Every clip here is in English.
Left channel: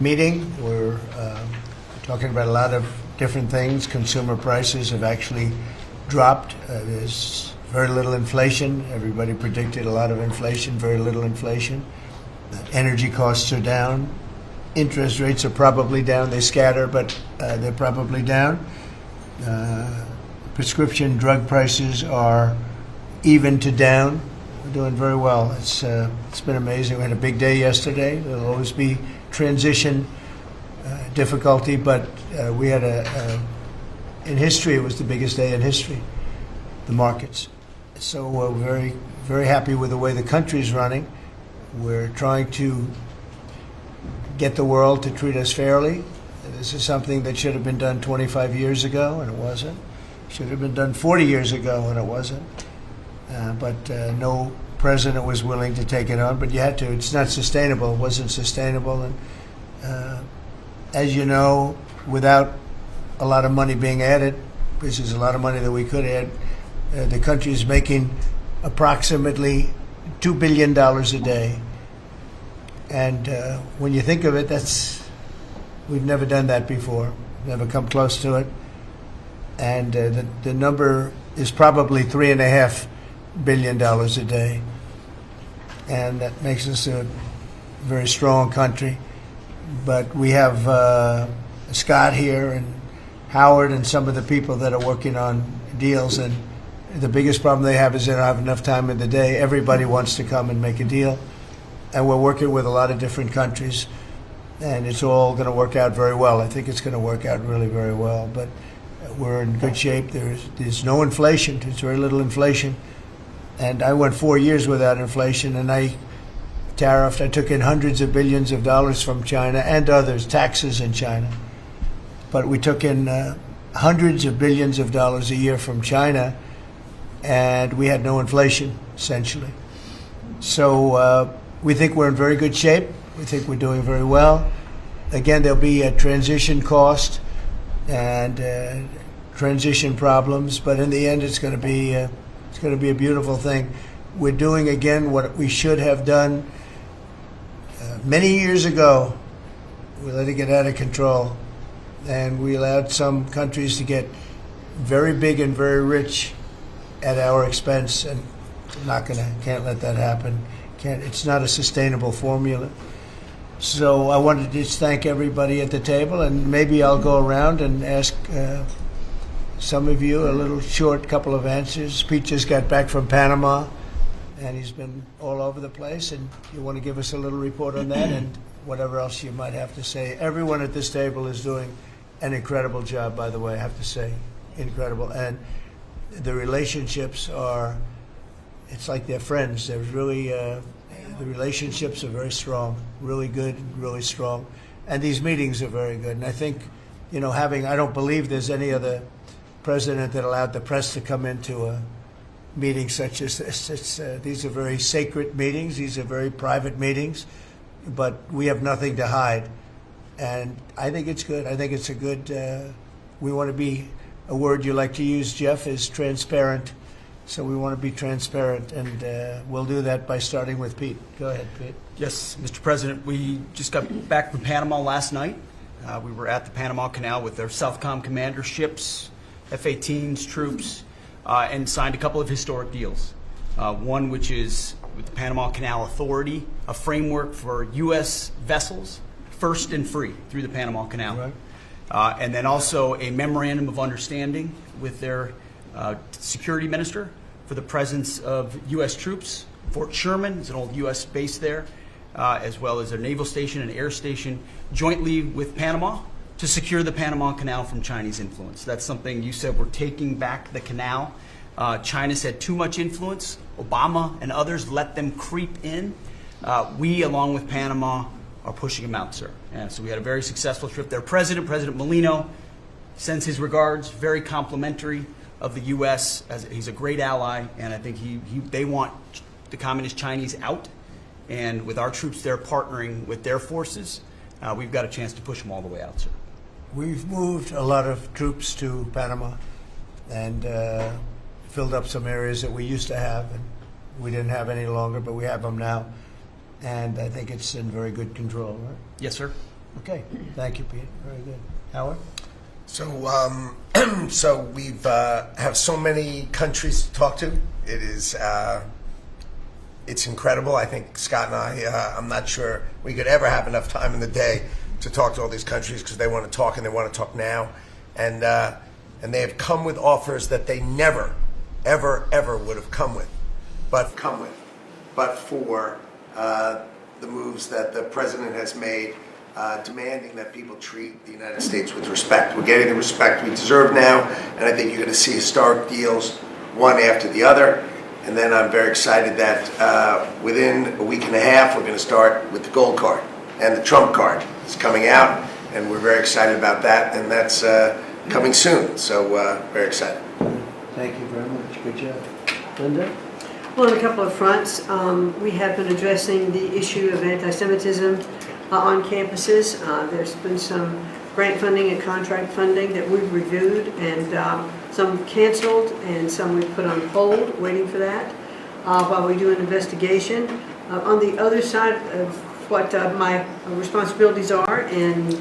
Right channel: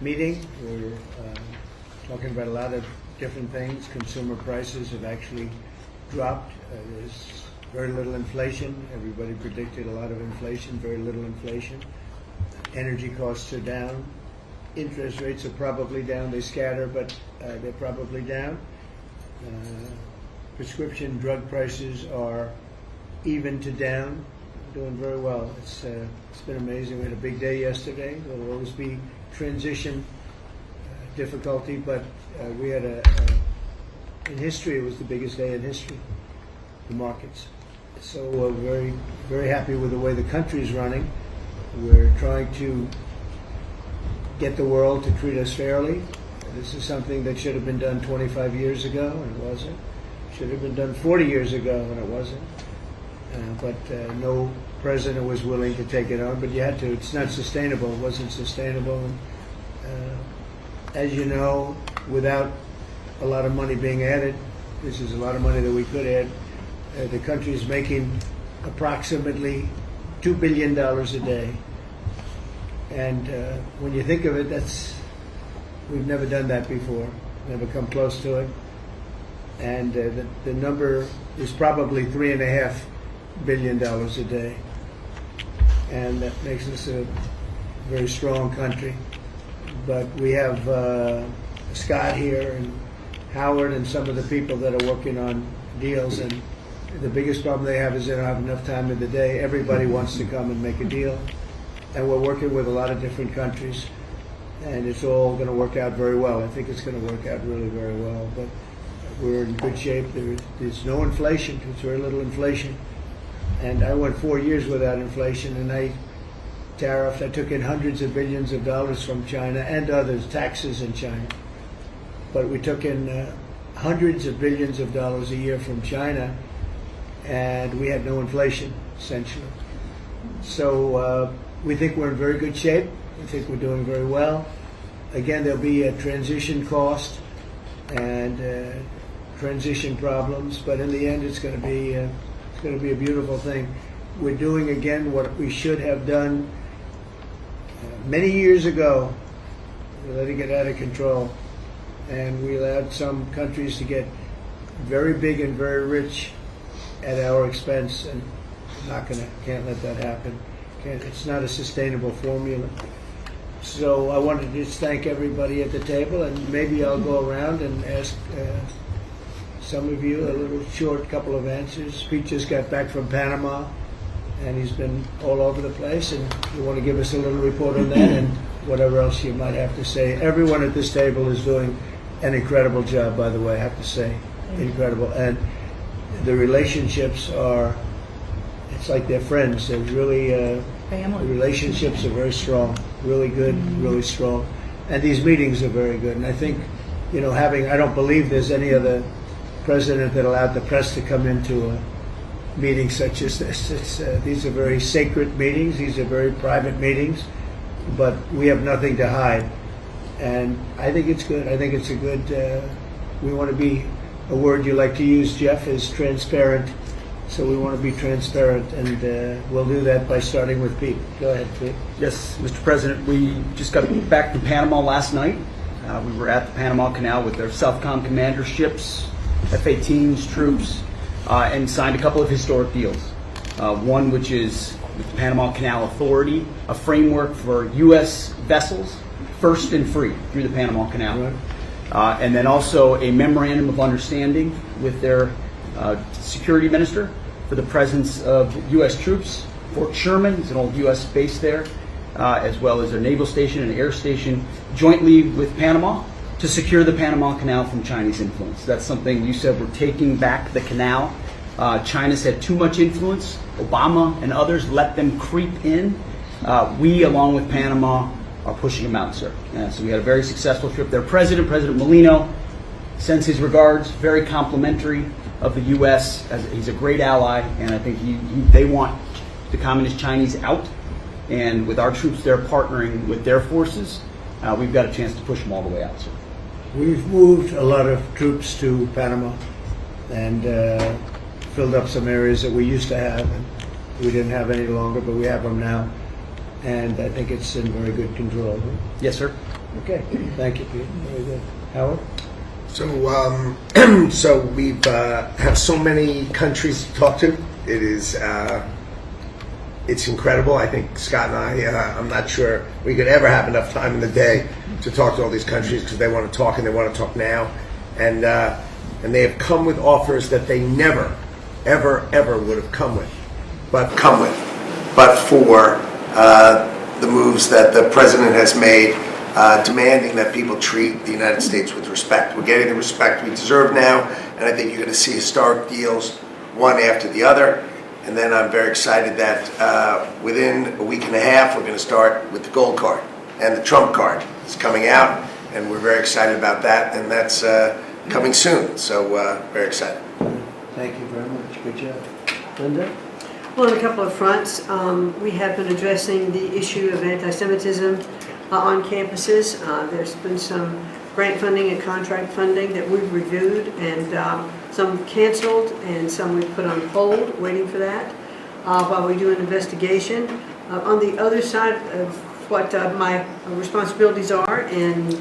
Meeting. We're talking about a lot of different things. Consumer prices have actually dropped. There's very little inflation. Everybody predicted a lot of inflation, very little inflation. Energy costs are down. Interest rates are probably down. They scatter, but they're probably down. Prescription drug prices are even to down. We're doing very well. It's been amazing. We had a big day yesterday. There'll always be transition difficulty, but we had in history, it was the biggest day in history, the markets. So we're very, very happy with the way the country's running. We're trying to get the world to treat us fairly. This is something that should have been done 25 years ago, and it wasn't. Should have been done 40 years ago, and it wasn't. But no president was willing to take it on, but you had to. It's not sustainable. It wasn't sustainable. And as you know, without a lot of money being added, this is a lot of money that we could add, the country is making approximately $2 billion a day. And when you think of it, we've never done that before, never come close to it. And the number is probably $3.5 billion a day. And that makes us a very strong country. But we have Scott here and Howard and some of the people that are working on deals. And the biggest problem they have is they don't have enough time in the day. Everybody wants to come and make a deal. And we're working with a lot of different countries. And it's all going to work out very well. I think it's going to work out really very well. But we're in good shape. There's no inflation. There's very little inflation. And I went 4 years without inflation, and I tariffed. I took in hundreds of billions of dollars from China and others, taxes in China. But we took in hundreds of billions of dollars a year from China, and we had no inflation, essentially. So we think we're in very good shape. We think we're doing very well. Again, there'll be a transition cost and transition problems, but in the end, it's going to be a beautiful thing. We're doing again what we should have done many years ago. We let it get out of control, and we allowed some countries to get very big and very rich at our expense, and can't let that happen. It's not a sustainable formula. So I wanted to just thank everybody at the table, and maybe I'll go around and ask some of you a little short couple of answers. Pete just got back from Panama, and he's been all over the place, and you want to give us a little report on that and whatever else you might have to say. Everyone at this table is doing an incredible job, by the way, I have to say. Incredible. And the relationships it's like they're friends. They're really, family. The relationships are very strong, really good, really strong. And these meetings are very good. And I think, I don't believe there's any other president that allowed the press to come into a meeting such as this. These are very sacred meetings. These are very private meetings, but we have nothing to hide. And I think it's good. I think it's a good, we want to be, a word you like to use, Jeff, is transparent. So we want to be transparent, and we'll do that by starting with Pete. Go ahead, Pete. Yes, Mr. President, we just got back from Panama last night. We were at the Panama Canal with their Southcom commander ships, F-18s, troops, and signed a couple of historic deals. One which is with the Panama Canal Authority, a framework for U.S. vessels, first and free through the Panama Canal. Right. And then also a memorandum of understanding with their security minister for the presence of U.S. troops. Fort Sherman is an old U.S. base there, as well as a naval station and air station jointly with Panama to secure the Panama Canal from Chinese influence. That's something you said, we're taking back the canal. China's had too much influence. Obama and others let them creep in. We, along with Panama, are pushing them out, sir. So we had a very successful trip there. President Molino sends his regards, very complimentary of the U.S. He's a great ally, and I think they want the Communist Chinese out. And with our troops there partnering with their forces, we've got a chance to push them all the way out, sir. We've moved a lot of troops to Panama and filled up some areas that we used to have, and we didn't have any longer, but we have them now. And I think it's in very good control. Right? Yes, sir. Okay, thank you, Pete. Very good. Howard? So, so we've have so many countries to talk to. It is, it's incredible. I think Scott and I'm not sure we could ever have enough time in the day to talk to all these countries because they want to talk and they want to talk now, and they have come with offers that they never, ever would have come with, but for the moves that the president has made. Demanding that people treat the United States with respect. We're getting the respect we deserve now, and I think you're going to see historic deals, one after the other. And then I'm very excited that within a week and a half, we're going to start with the gold card, and the Trump card is coming out, and we're very excited about that, and that's coming soon. So very excited. Thank you very much. Good job. Linda? Well, on a couple of fronts, we have been addressing the issue of anti-Semitism on campuses. There's been some grant funding and contract funding that we've reviewed, and some canceled and some we've put on hold, waiting for that, while we do an investigation. On the other side of what my responsibilities are in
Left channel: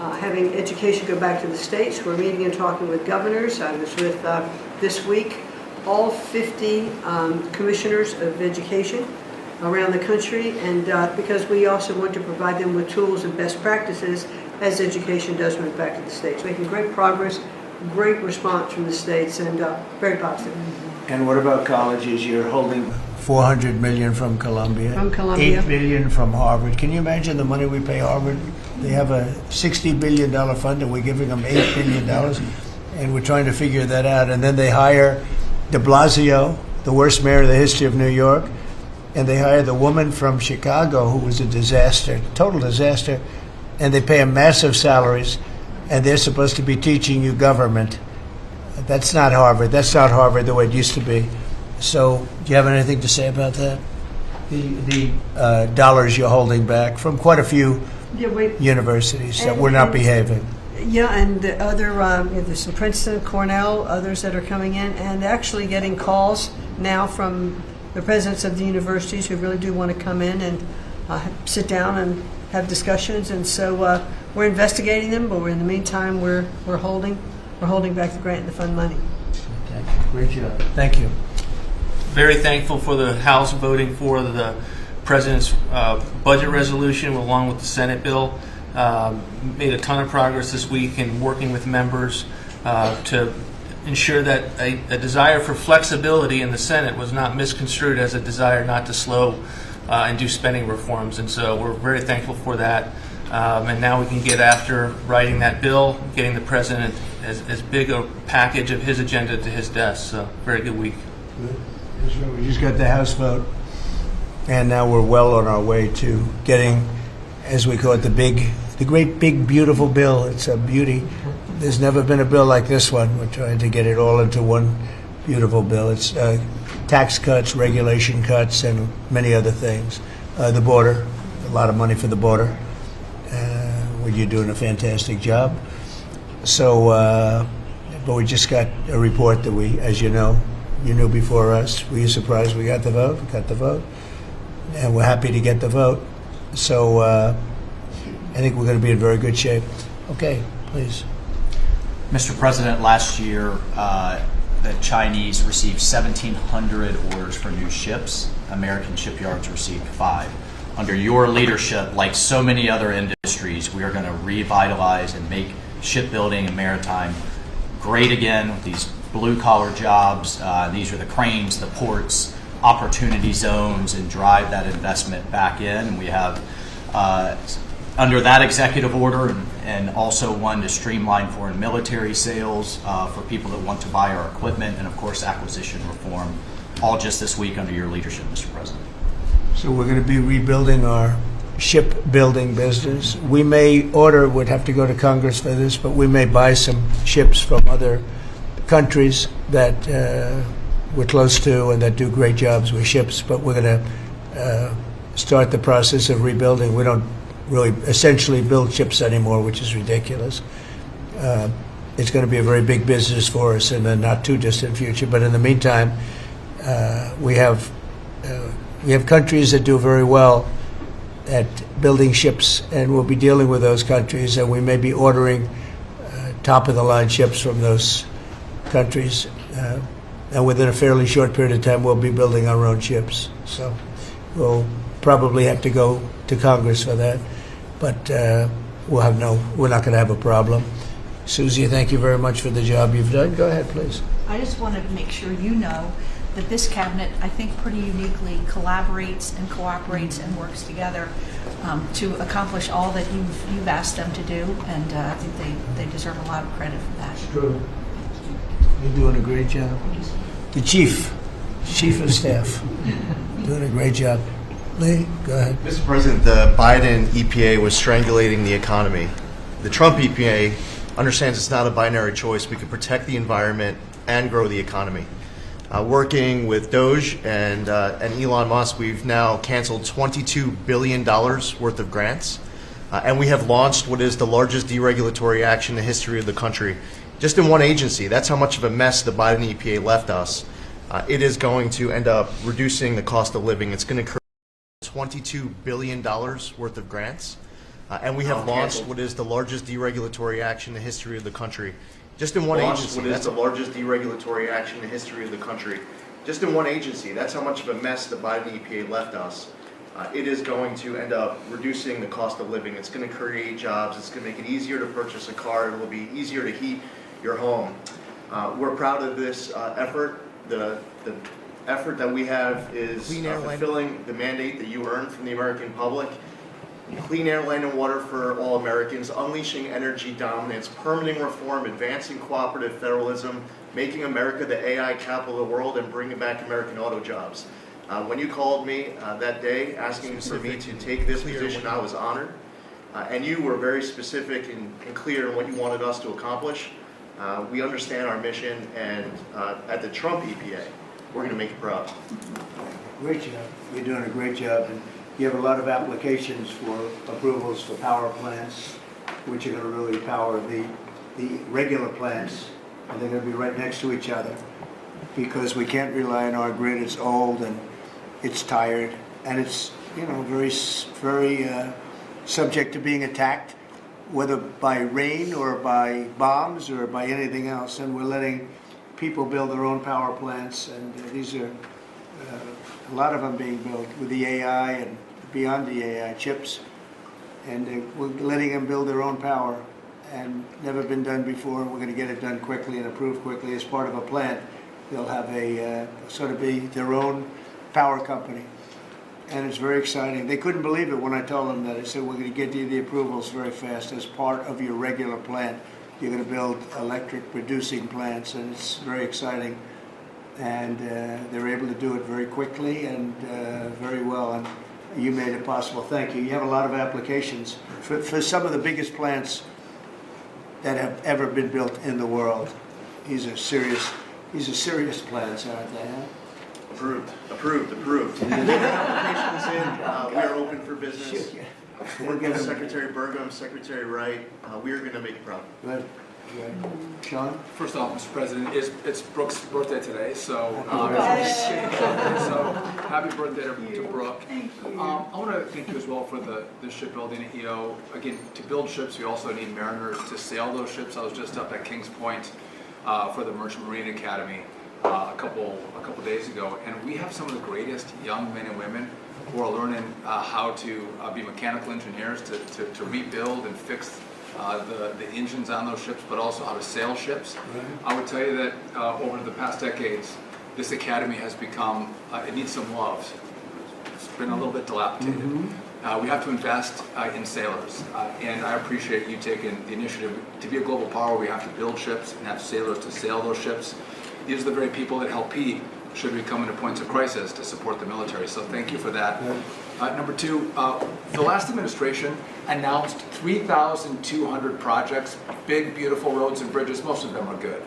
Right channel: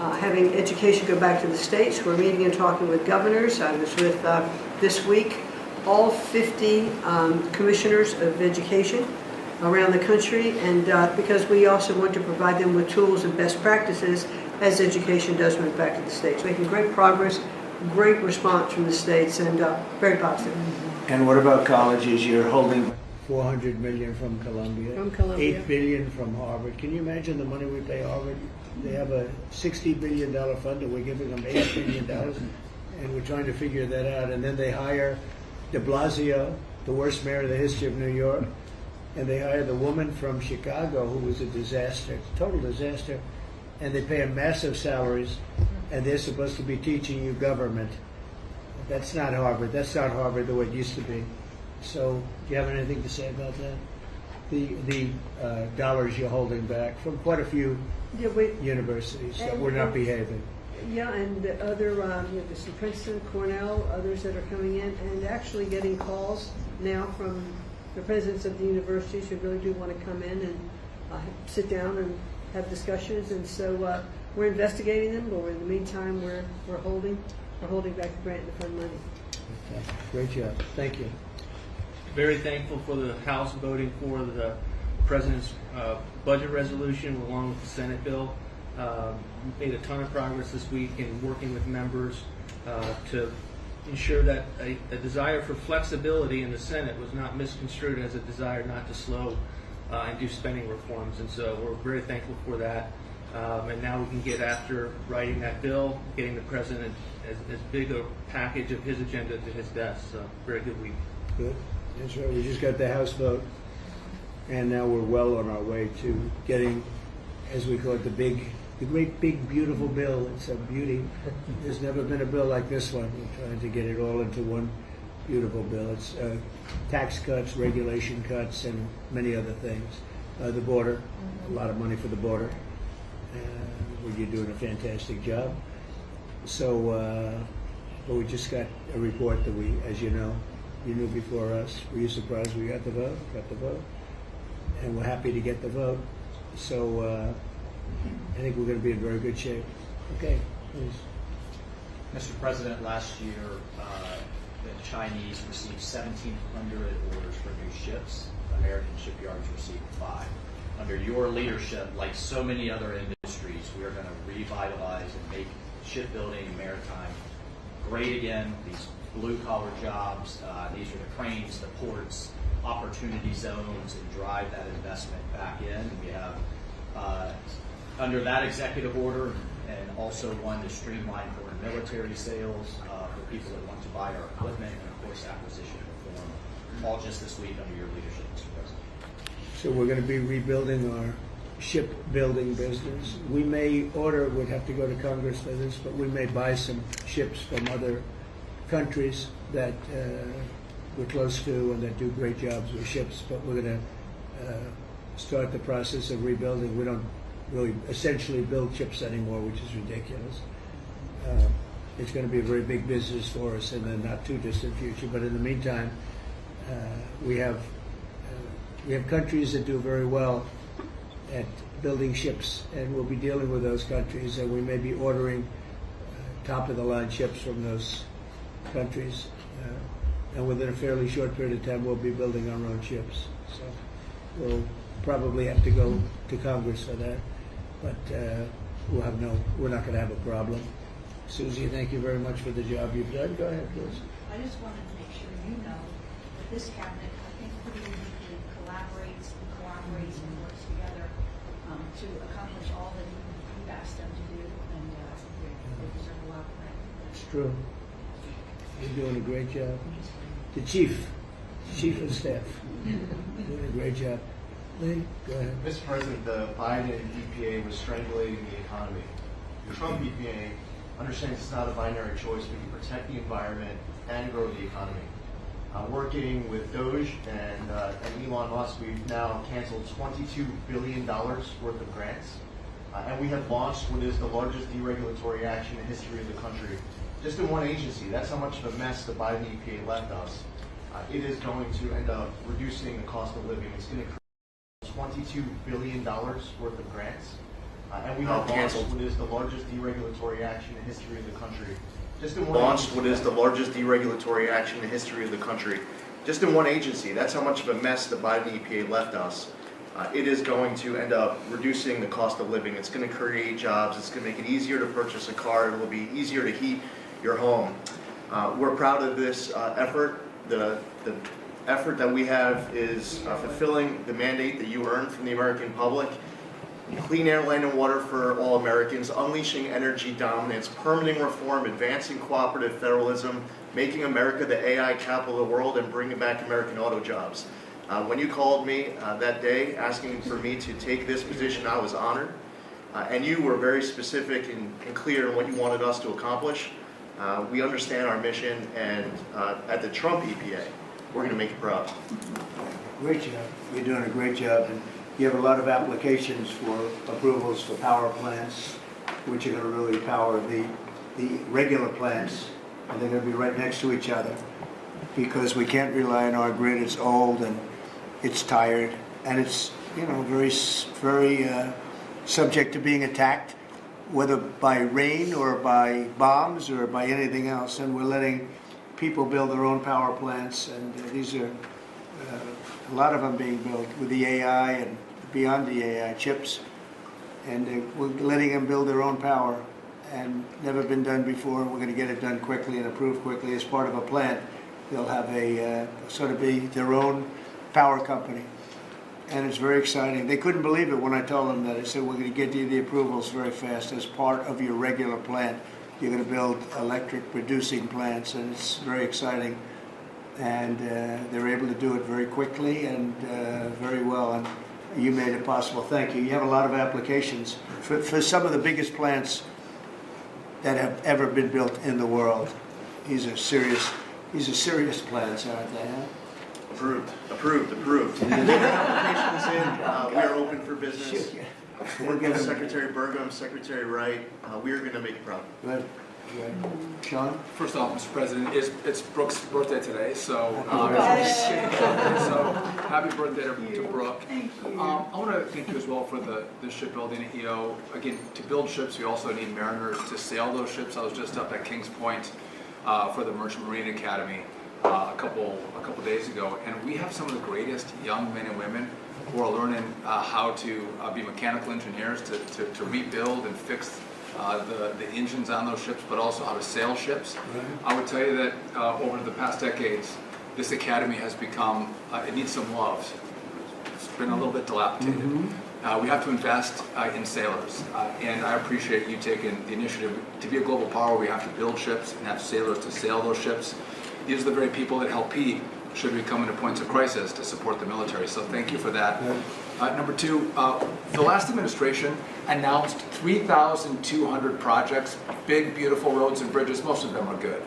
having education go back to the states, we're meeting and talking with governors. I was with, this week, all 50 commissioners of education around the country, and because we also want to provide them with tools and best practices as education does move back to the states. Making great progress, great response from the states, and very positive. And what about colleges? You're holding $400 million from Columbia. From Columbia. $8 billion from Harvard. Can you imagine the money we pay Harvard? They have a $60 billion fund, and we're giving them $8 billion, and we're trying to figure that out. And then they hire de Blasio, the worst mayor in the history of New York, and they hire the woman from Chicago who was a disaster, total disaster, and they pay them massive salaries, and they're supposed to be teaching you government. That's not Harvard. That's not Harvard the way it used to be. So, do you have anything to say about that? The dollars you're holding back from quite a few universities that were not behaving. Yeah, and the other, there's some Princeton, Cornell, others that are coming in, and actually getting calls now from the presidents of the universities who really do want to come in and sit down and have discussions. And so we're investigating them, but in the meantime, we're holding back the grant and the fund money. Okay. Great job. Thank you. Very thankful for the House voting for the President's budget resolution along with the Senate bill. Made a ton of progress this week in working with members to ensure that a desire for flexibility in the Senate was not misconstrued as a desire not to slow and do spending reforms. And so we're very thankful for that. And now we can get after writing that bill, getting the President as big a package of his agenda to his desk. So very good week. Good. That's right. We just got the House vote, and now we're well on our way to getting, as we call it, the great big beautiful bill. It's a beauty. There's never been a bill like this one. We're trying to get it all into one beautiful bill. It's tax cuts, regulation cuts, and many other things. The border, a lot of money for the border. Well, you're doing a fantastic job. So, but we just got a report that we, as you know, you knew before us. Were you surprised we got the vote? We got the vote. And we're happy to get the vote. So I think we're going to be in very good shape. Okay, please. Mr. President, last year the Chinese received 1,700 orders for new ships. American shipyards received 5. Under your leadership, like so many other industries, we are going to revitalize and make shipbuilding and maritime great again with these blue-collar jobs. These are the cranes, the ports, opportunity zones, and drive that investment back in. We have under that executive order and also one to streamline foreign military sales for people that want to buy our equipment, and of course acquisition reform, all just this week under your leadership, Mr. President. So we're going to be rebuilding our shipbuilding business. We may order, would have to go to Congress for this, but we may buy some ships from other countries that we're close to and that do great jobs with ships, but we're going to start the process of rebuilding. We don't really essentially build ships anymore, which is ridiculous. It's going to be a very big business for us in the not too distant future, but in the meantime, we have countries that do very well at building ships, and we'll be dealing with those countries, and we may be ordering top-of-the-line ships from those countries. And within a fairly short period of time, we'll be building our own ships. So we'll probably have to go to Congress for that, but we're not going to have a problem. Susie, thank you very much for the job you've done. Go ahead, please. I just want to make sure you know that this cabinet, I think, pretty uniquely collaborates and cooperates and works together to accomplish all that you've asked them to do, and I think they deserve a lot of credit for that. True. You're doing a great job. The chief of staff, doing a great job. Lee, go ahead. Mr. President, the Biden EPA was strangulating the economy. The Trump EPA understands it's not a binary choice. We can protect the environment and grow the economy. Working with Doge and Elon Musk, we've now canceled $22 billion worth of grants, and we have launched what is the largest deregulatory action in the history of the country. Just in one agency. That's how much of a mess the Biden EPA left us. It is going to end up reducing the cost of living. It's going to create $22 billion worth of grants, and we have launched what is the largest deregulatory action in the history of the country. Just in one agency. What is the largest deregulatory action in the history of the country. Just in one agency. That's how much of a mess the Biden EPA left us. It is going to end up reducing the cost of living. It's going to create jobs. It's going to make it easier to purchase a car. It will be easier to heat your home. We're proud of this effort. The effort that we have is fulfilling the mandate that you earned from the American public. Clean air, land, and water for all Americans, unleashing energy dominance, permitting reform, advancing cooperative federalism, making America the AI capital of the world, and bringing back American auto jobs. When you called me that day asking for me to take this position, I was honored. And you were very specific and clear in what you wanted us to accomplish. We understand our mission, and at the Trump EPA, we're going to make you proud. Great job. You're doing a great job. And you have a lot of applications for approvals for power plants, which are going to really power the regular plants, and they're going to be right next to each other because we can't rely on our grid. It's old and it's tired, and it's very subject to being attacked, whether by rain or by bombs or by anything else. And we're letting people build their own power plants, and these are a lot of them being built with the AI and beyond the AI chips, and we're letting them build their own power, and never been done before. We're going to get it done quickly and approved quickly as part of a plant. They'll have a sort of be their own power company, and it's very exciting. They couldn't believe it when I told them that. I said, we're going to get you the approvals very fast as part of your regular plant. You're going to build electric producing plants, and it's very exciting. And they're able to do it very quickly and very well, and you made it possible. Thank you. You have a lot of applications for some of the biggest plants that have ever been built in the world. These are serious plants, aren't they? Huh? Approved. Applications in. We are open for business. Working with Secretary Burgum, Secretary Wright. We are going to make you proud. Good. Sean? First off, Mr. President, it's Brooke's birthday today, so happy birthday to Brooke. I want to thank you as well for the shipbuilding at EO. Again, to build ships, we also need mariners to sail those ships. I was just up at Kings Point for the Merchant Marine Academy a couple days ago, and we have some of the greatest young men and women who are learning how to be mechanical engineers to rebuild and fix the engines on those ships, but also how to sail ships. I would tell you that over the past decades, this academy has become, it needs some love. It's been a little bit dilapidated. We have to invest in sailors, and I appreciate you taking the initiative. To be a global power, we have to build ships and have sailors to sail those ships. These are the very people that help Pete should we come into points of crisis to support the military. So thank you for that. Number two, the last administration announced 3,200 projects, big, beautiful roads and bridges. Most of them are good.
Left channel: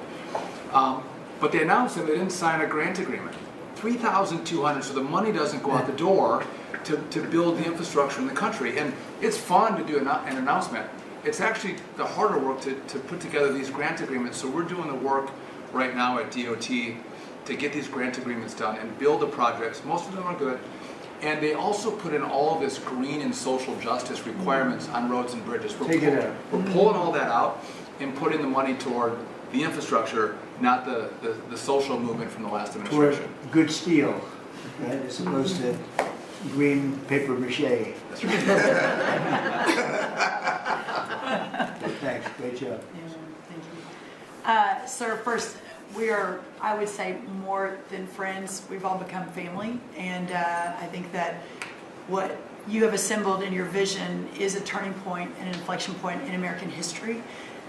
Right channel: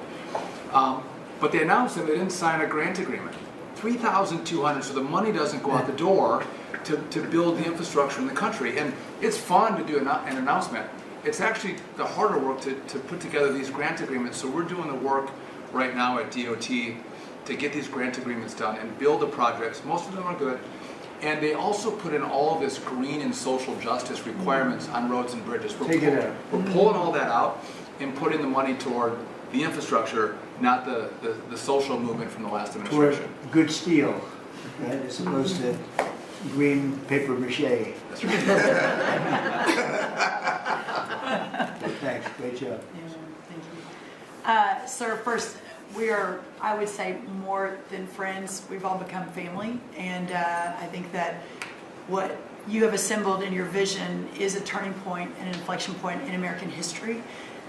But they announced them, they didn't sign a grant agreement. 3,200, so the money doesn't go out the door to build the infrastructure in the country. And it's fun to do an announcement. It's actually the harder work to put together these grant agreements. So we're doing the work right now at DOT to get these grant agreements done and build the projects. Most of them are good. And they also put in all of this green and social justice requirements on roads and bridges. Take it out. We're pulling all that out and putting the money toward the infrastructure, not the social movement from the last Toward administration. good steel, right, as opposed to green paper mache. That's right. Thanks, great job. Thank you. Sir, first, we are, I would say, more than friends. We've all become family. And I think that what you have assembled in your vision is a turning point and an inflection point in American history.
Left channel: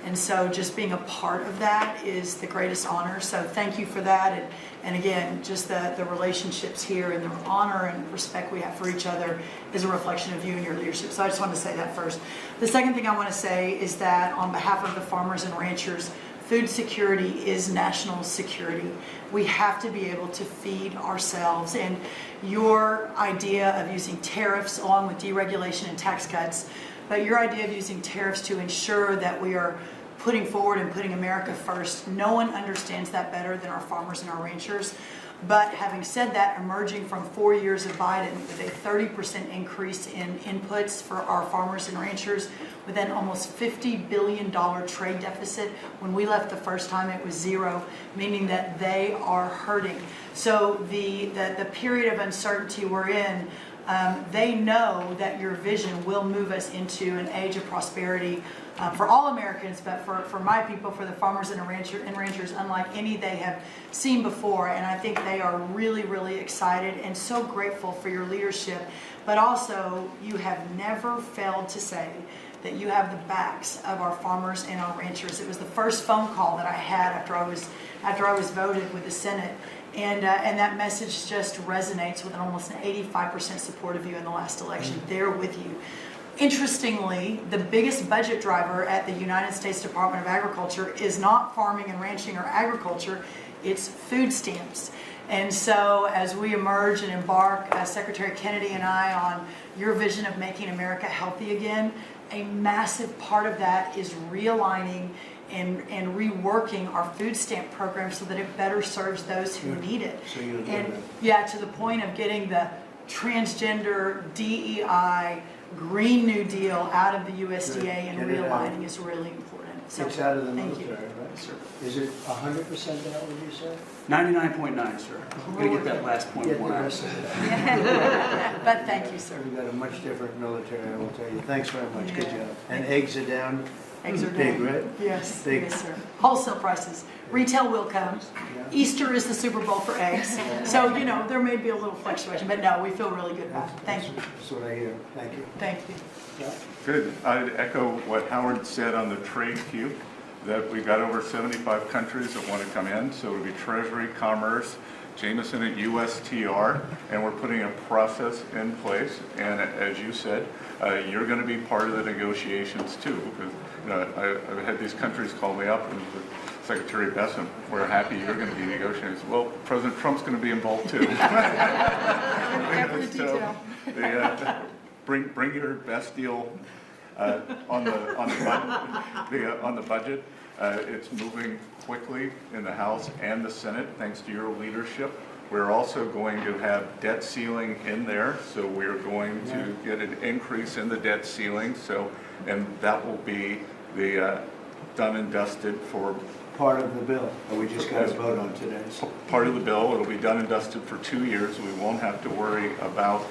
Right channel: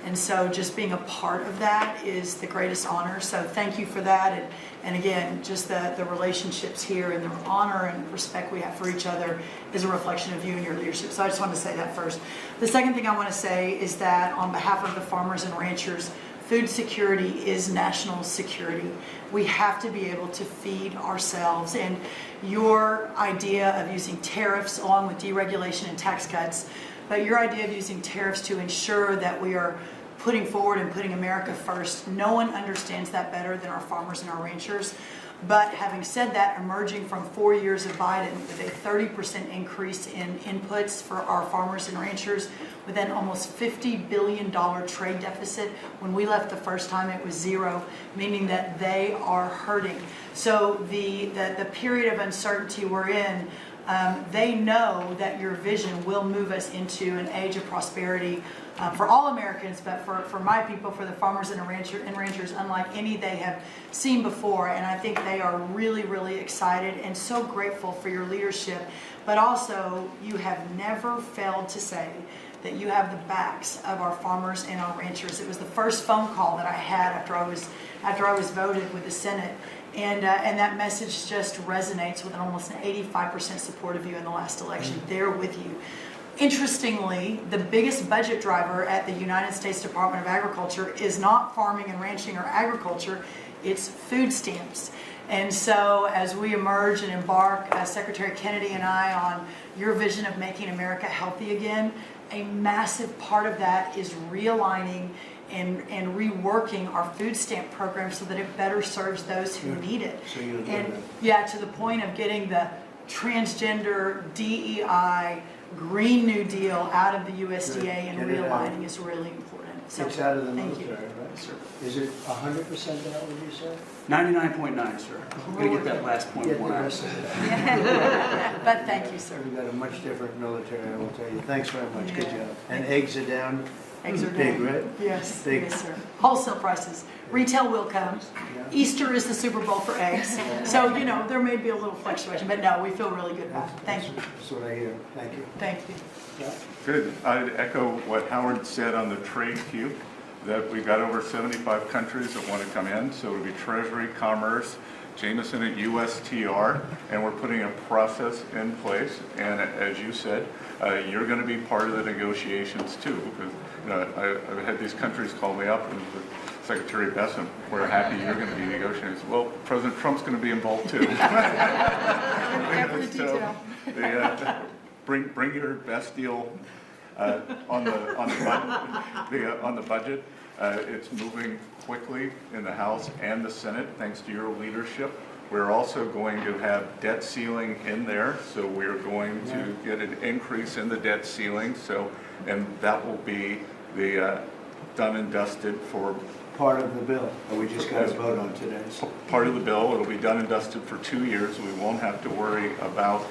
And so just being a part of that is the greatest honor. So thank you for that. And again, just the relationships here and the honor and respect we have for each other is a reflection of you and your leadership. So I just wanted to say that first. The second thing I want to say is that on behalf of the farmers and ranchers, food security is national security. We have to be able to feed ourselves. And your idea of using tariffs along with deregulation and tax cuts, but your idea of using tariffs to ensure that we are putting forward and putting America first, no one understands that better than our farmers and our ranchers. But having said that, emerging from 4 years of Biden with a 30% increase in inputs for our farmers and ranchers, with an almost $50 billion trade deficit. When we left the first time, it was zero, meaning that they are hurting. So the period of uncertainty we're in, they know that your vision will move us into an age of prosperity for all Americans, but for my people, for the farmers and ranchers, unlike any they have seen before. And I think they are really, really excited and so grateful for your leadership. But also, you have never failed to say that you have the backs of our farmers and our ranchers. It was the first phone call that I had after I was voted with the Senate. And that message just resonates with almost an 85% support of you in the last election. They're with you. Interestingly, the biggest budget driver at the United States Department of Agriculture is not farming and ranching or agriculture, it's food stamps. And so as we emerge and embark, Secretary Kennedy and I, on your vision of making America healthy again, a massive part of that is realigning and reworking our food stamp program so that it better serves those who need it. So you'll do And that. yeah, to the point of getting the transgender, DEI, Green New Deal out of the USDA and Get it out. realigning is really important. So It's out of the thank military, you. right? Sir. Is it 100% out, would you say? 99.9, sir. I'm going to get that last point Get the one out. rest of it. But thank you, sir. We've got a much different military, I will tell you. Thanks very much, good Yeah. job. And eggs are down? Eggs are Big, down. right? Yes, Big. yes, sir. Wholesale prices. Retail will come. Yeah. Easter is the Super Bowl for eggs. So, there may be a little fluctuation, but no, we feel really good about it. Thank you. That's what I hear. Thank you. Thank you. Yeah. Good. I'd echo what Howard said on the trade queue, that we've got over 75 countries that want to come in. So it'll be Treasury, Commerce, Jameson at USTR, and we're putting a process in place. And as you said, you're going to be part of the negotiations too. Because I've had these countries call me up and Secretary Besson, we're happy you're going to be negotiating. Well, President Trump's going to be involved too. Every detail. Bring your best deal on the budget. It's moving quickly in the House and the Senate, thanks to your leadership. We're also going to have debt ceiling in there, so we're going to get an increase in the debt ceiling. And that will be the done and dusted for Part of the bill, that we just got to vote on today. part of the bill. It'll be done and dusted for 2 years. We won't have to worry about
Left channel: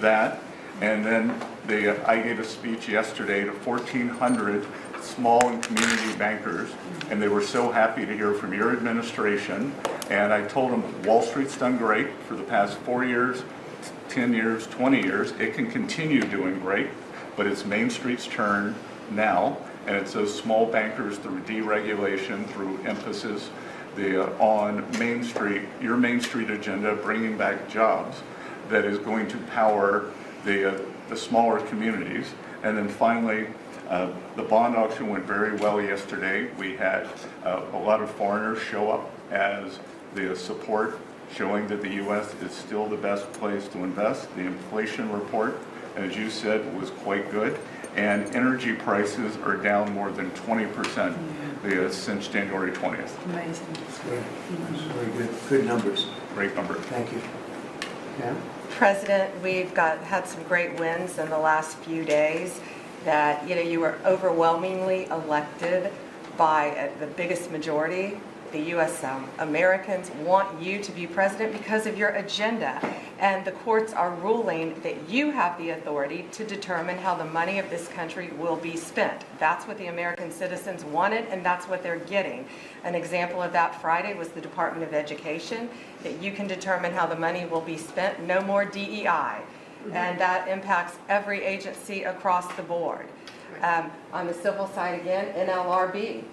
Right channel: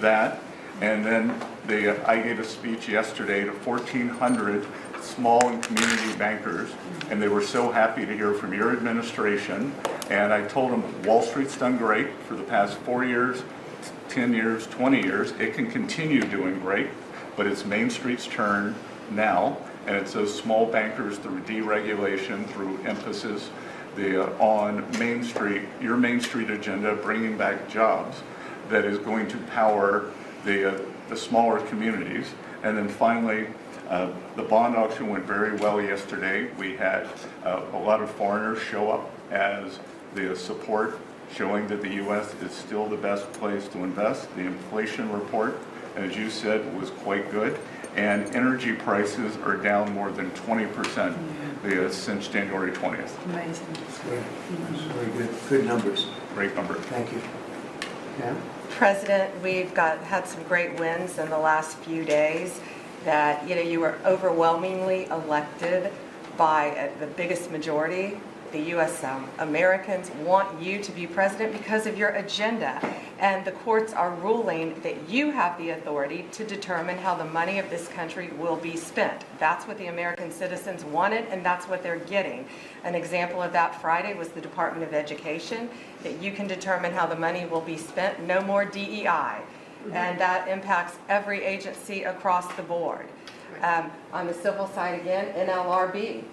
that. And then I gave a speech yesterday to 1,400 small and community bankers, and they were so happy to hear from your administration. And I told them Wall Street's done great for the past 4 years, 10 years, 20 years. It can continue doing great, but it's Main Street's turn now. And it's those small bankers through deregulation, through emphasis on Main Street, your Main Street agenda, bringing back jobs, that is going to power the smaller communities. And then finally, the bond auction went very well yesterday. We had a lot of foreigners show up as the support, showing that the U.S. is still the best place to invest. The inflation report, as you said, was quite good. And energy prices are down more than 20% since January 20th. Amazing. Great. That's very good. Good numbers. Great number. Thank you. Pam? President, we've had some great wins in the last few days that, you were overwhelmingly elected by the biggest majority. The U.S. Americans want you to be president because of your agenda. And the courts are ruling that you have the authority to determine how the money of this country will be spent. That's what the American citizens wanted, and that's what they're getting. An example of that Friday was the Department of Education, that you can determine how the money will be spent. No more DEI. And that impacts every agency across the board. On the civil side again, NLRB.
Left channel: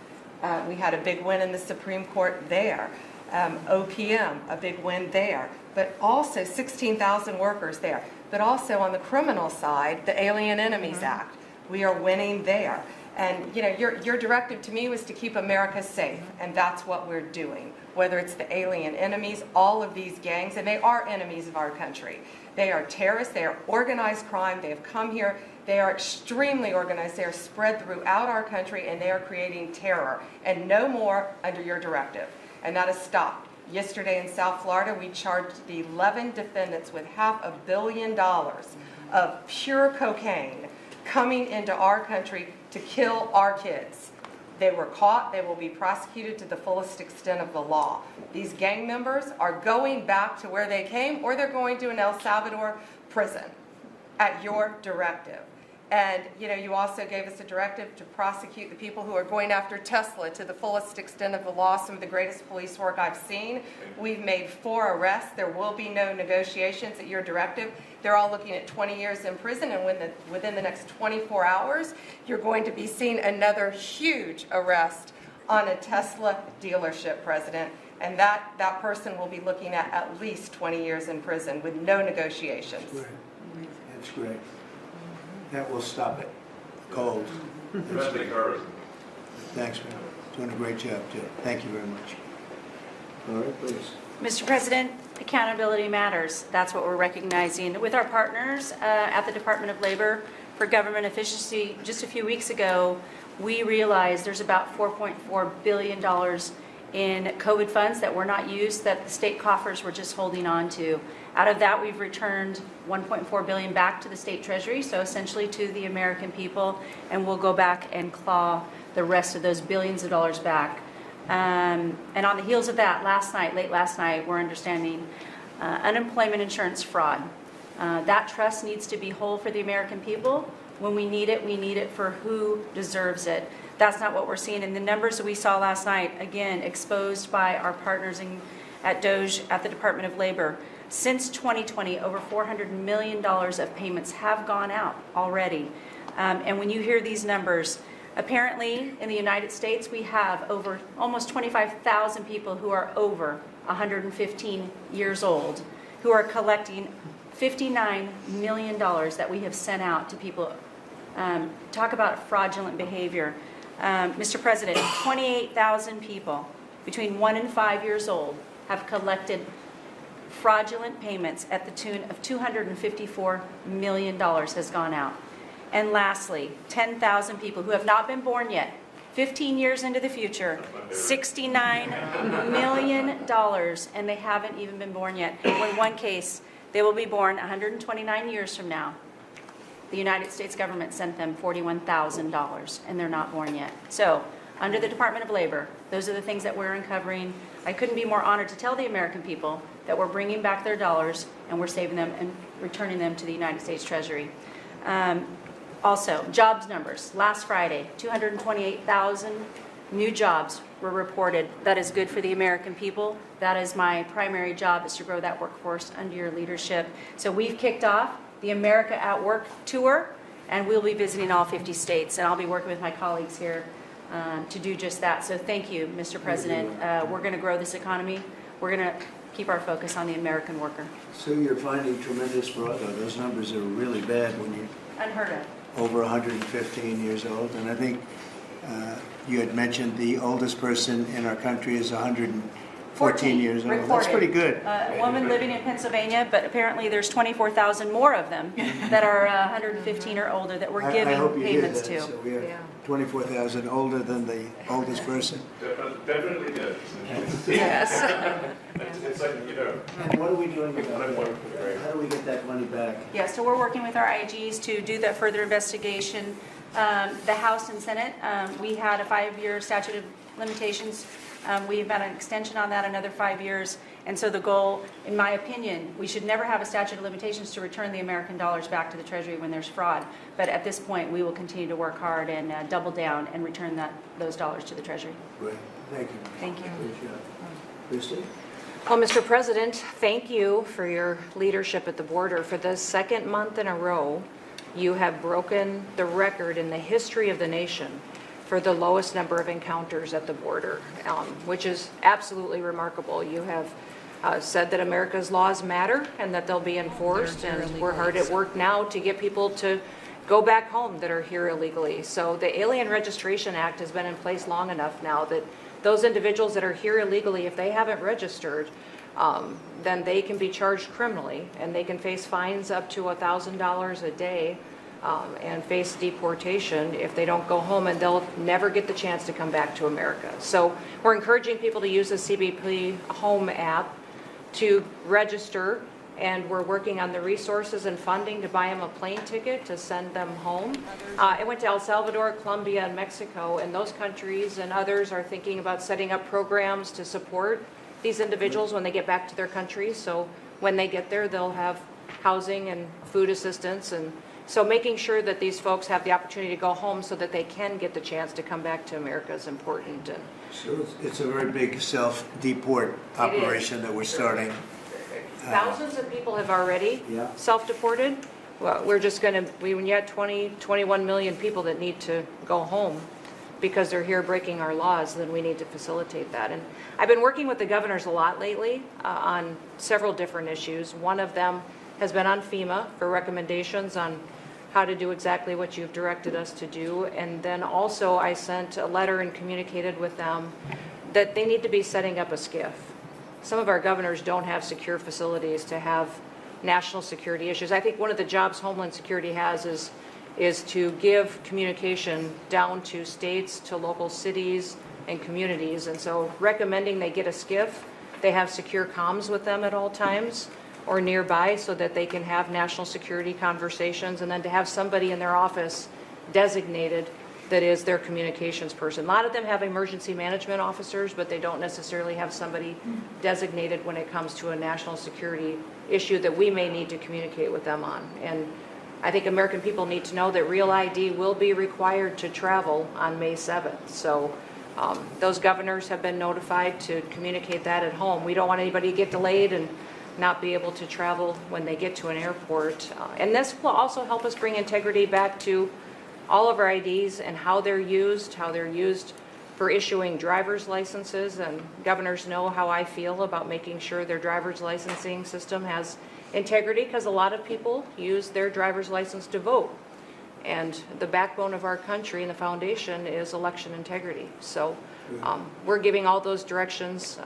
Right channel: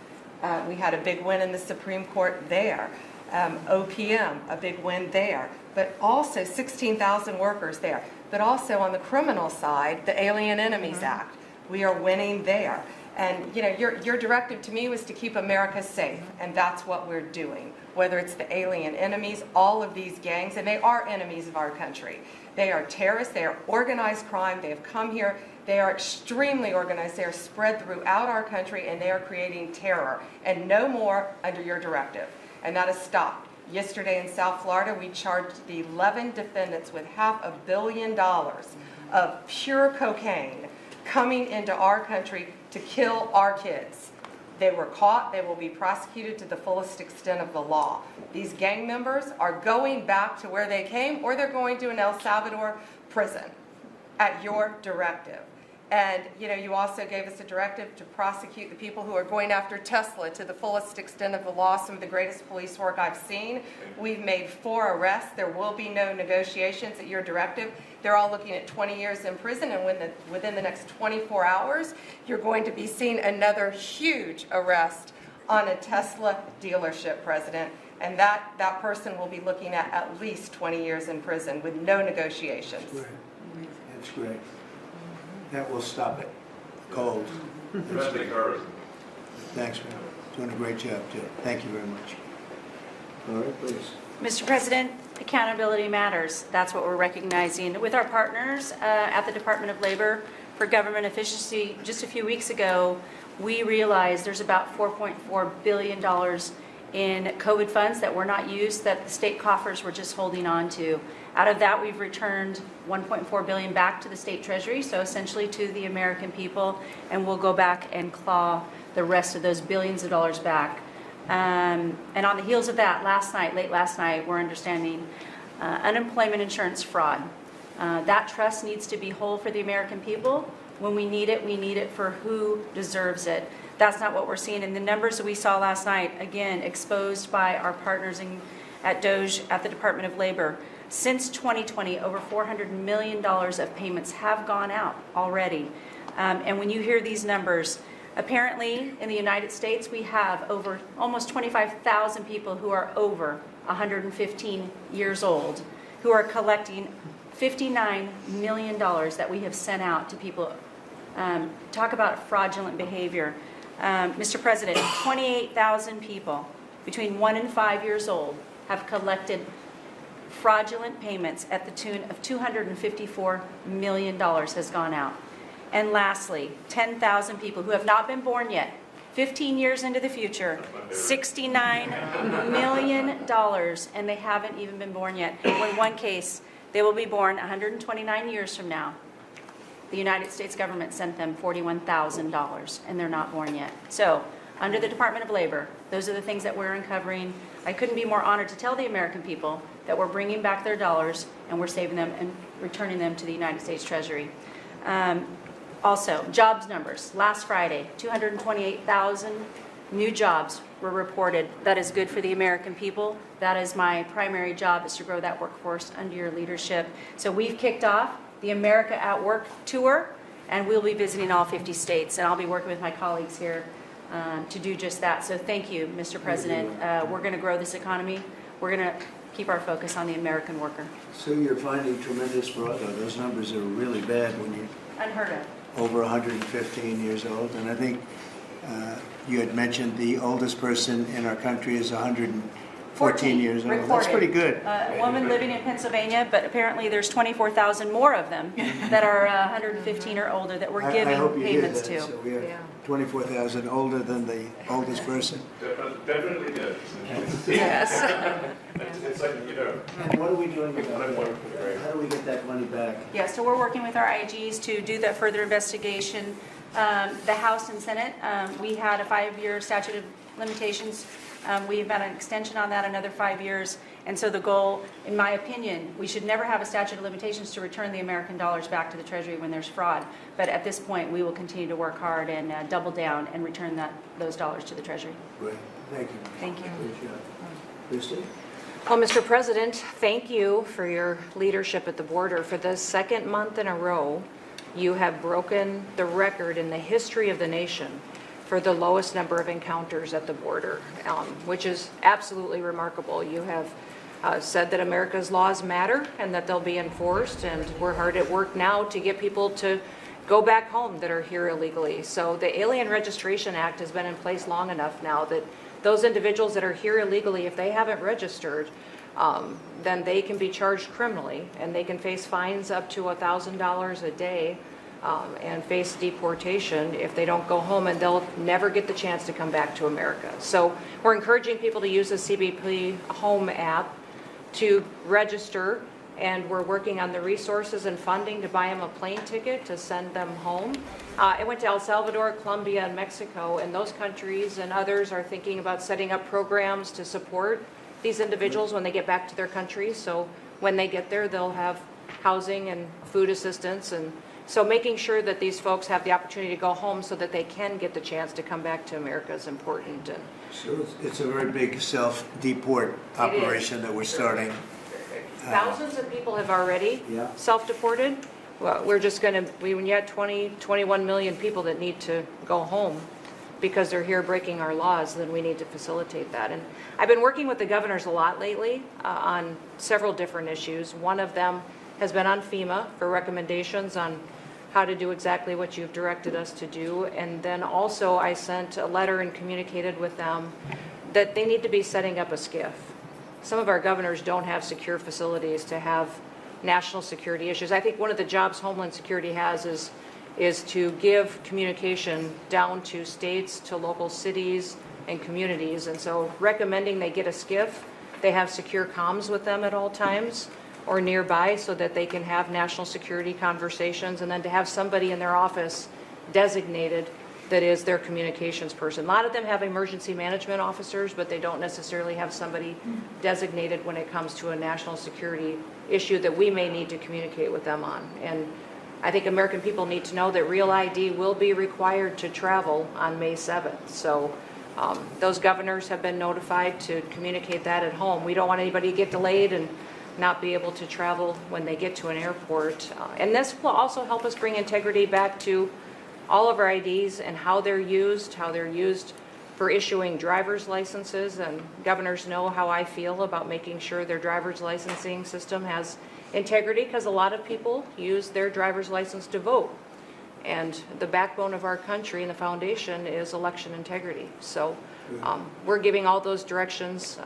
We had a big win in the Supreme Court there. OPM, a big win there. But also 16,000 workers there. But also on the criminal side, the Alien Enemies Act. We are winning there. And your directive to me was to keep America safe, and that's what we're doing. Whether it's the alien enemies, all of these gangs, and they are enemies of our country. They are terrorists, they are organized crime, they have come here, they are extremely organized, they are spread throughout our country, and they are creating terror. And no more under your directive. And that has stopped. Yesterday in South Florida, we charged the 11 defendants with $500 million of pure cocaine coming into our country to kill our kids. They were caught. They will be prosecuted to the fullest extent of the law. These gang members are going back to where they came, or they're going to an El Salvador prison at your directive. And you also gave us a directive to prosecute the people who are going after Tesla to the fullest extent of the law, some of the greatest police work I've seen. We've made 4 arrests. There will be no negotiations at your directive. They're all looking at 20 years in prison, and within the next 24 hours, you're going to be seeing another huge arrest on a Tesla dealership, President. And that person will be looking at least 20 years in prison with no negotiations. That's great. That's great. That will stop it. Cold. Thanks, man. Doing a great job, too. Thank you very much. All right, please. Mr. President, accountability matters. That's what we're recognizing with our partners at the Department of Labor for Government Efficiency. Just a few weeks ago, we realized there's about $4.4 billion in COVID funds that were not used, that the state coffers were just holding on to. Out of that, we've returned $1.4 billion back to the state treasury, so essentially to the American people, and we'll go back and claw the rest of those billions of dollars back. And on the heels of that, late last night, we're understanding unemployment insurance fraud. That trust needs to be whole for the American people. When we need it for who deserves it. That's not what we're seeing in the numbers that we saw last night, again, exposed by our partners at DOGE at the Department of Labor. Since 2020, over $400 million of payments have gone out already. And when you hear these numbers, apparently in the United States, we have over almost 25,000 people who are over 115 years old, who are collecting $59 million that we have sent out to people. Talk about fraudulent behavior. Mr. President, 28,000 people between 1 and 5 years old have collected fraudulent payments at the tune of $254 million has gone out. And lastly, 10,000 people who have not been born yet, 15 years into the future, $69 million, and they haven't even been born yet. In one case, they will be born 129 years from now. The United States government sent them $41,000, and they're not born yet. So, under the Department of Labor, those are the things that we're uncovering. I couldn't be more honored to tell the American people that we're bringing back their dollars, and we're saving them and returning them to the United States Treasury. Also, jobs numbers. Last Friday, 228,000 new jobs were reported. That is good for the American people. That is my primary job, is to grow that workforce under your leadership. So we've kicked off the America at Work tour, and we'll be visiting all 50 states, and I'll be working with my colleagues here to do just that. So thank you, Mr. President. We're going to grow this economy. We're going to keep our focus on the American worker. So you're finding tremendous fraud, though. Those numbers are really bad when you're Unheard of. over 115 years old. And I think you had mentioned the oldest person in our country is 114 years old. Reported. That's pretty good. A woman living in Pennsylvania, but apparently there's 24,000 more of them that are 115 or older that we're I giving hope you hear payments that. to. So we have 24,000 older than the oldest person. Definitely did. Yes. It's like, you know. And what are we doing about that? How do we get that money back? Yeah, so we're working with our IGs to do that further investigation. The House and Senate, we had a 5-year statute of limitations. We've got an extension on that, another 5 years. And so the goal, in my opinion, we should never have a statute of limitations to return the American dollars back to the Treasury when there's fraud. But at this point, we will continue to work hard and double down and return those dollars to the Treasury. Great, thank you. Thank you. Good job. Christie? Well, Mr. President, thank you for your leadership at the border. For the second month in a row, you have broken the record in the history of the nation for the lowest number of encounters at the border, which is absolutely remarkable. You have said that America's laws matter and that they'll be enforced, and we're hard at work now to get people to go back home that are here illegally. So the Alien Registration Act has been in place long enough now that those individuals that are here illegally, if they haven't registered, then they can be charged criminally, and they can face fines up to $1,000 a day and face deportation if they don't go home, and they'll never get the chance to come back to America. So we're encouraging people to use the CBP Home app to register, and we're working on the resources and funding to buy them a plane ticket to send them home. I went to El Salvador, Colombia, and Mexico, and those countries and others are thinking about setting up programs to support these individuals when they get back to their countries. So when they get there, they'll have housing and food assistance, and so making sure that these folks have the opportunity to go home so that they can get the chance to come back to America is important. And So it's a very big self-deport operation that we're starting. thousands of people have already Yeah. self-deported. Well, we're just going to, when you had 21 million people that need to go home because they're here breaking our laws, then we need to facilitate that. And I've been working with the governors a lot lately on several different issues. One of them has been on FEMA for recommendations on how to do exactly what you've directed us to do. And then also I sent a letter and communicated with them that they need to be setting up a SCIF. Some of our governors don't have secure facilities to have national security issues. I think one of the jobs Homeland Security has is to give communication down to states, to local cities and communities. And so recommending they get a SCIF, they have secure comms with them at all times or nearby so that they can have national security conversations, and then to have somebody in their office designated that is their communications person. A lot of them have emergency management officers, but they don't necessarily have somebody designated when it comes to a national security issue that we may need to communicate with them on. And I think American people need to know that Real ID will be required to travel on May 7th. So those governors have been notified to communicate that at home. We don't want anybody to get delayed and not be able to travel when they get to an airport. And this will also help us bring integrity back to all of our IDs and how they're used for issuing driver's licenses. And governors know how I feel about making sure their driver's licensing system has integrity, because a lot of people use their driver's license to vote. And the backbone of our country and the foundation is election integrity. So we're giving all those directions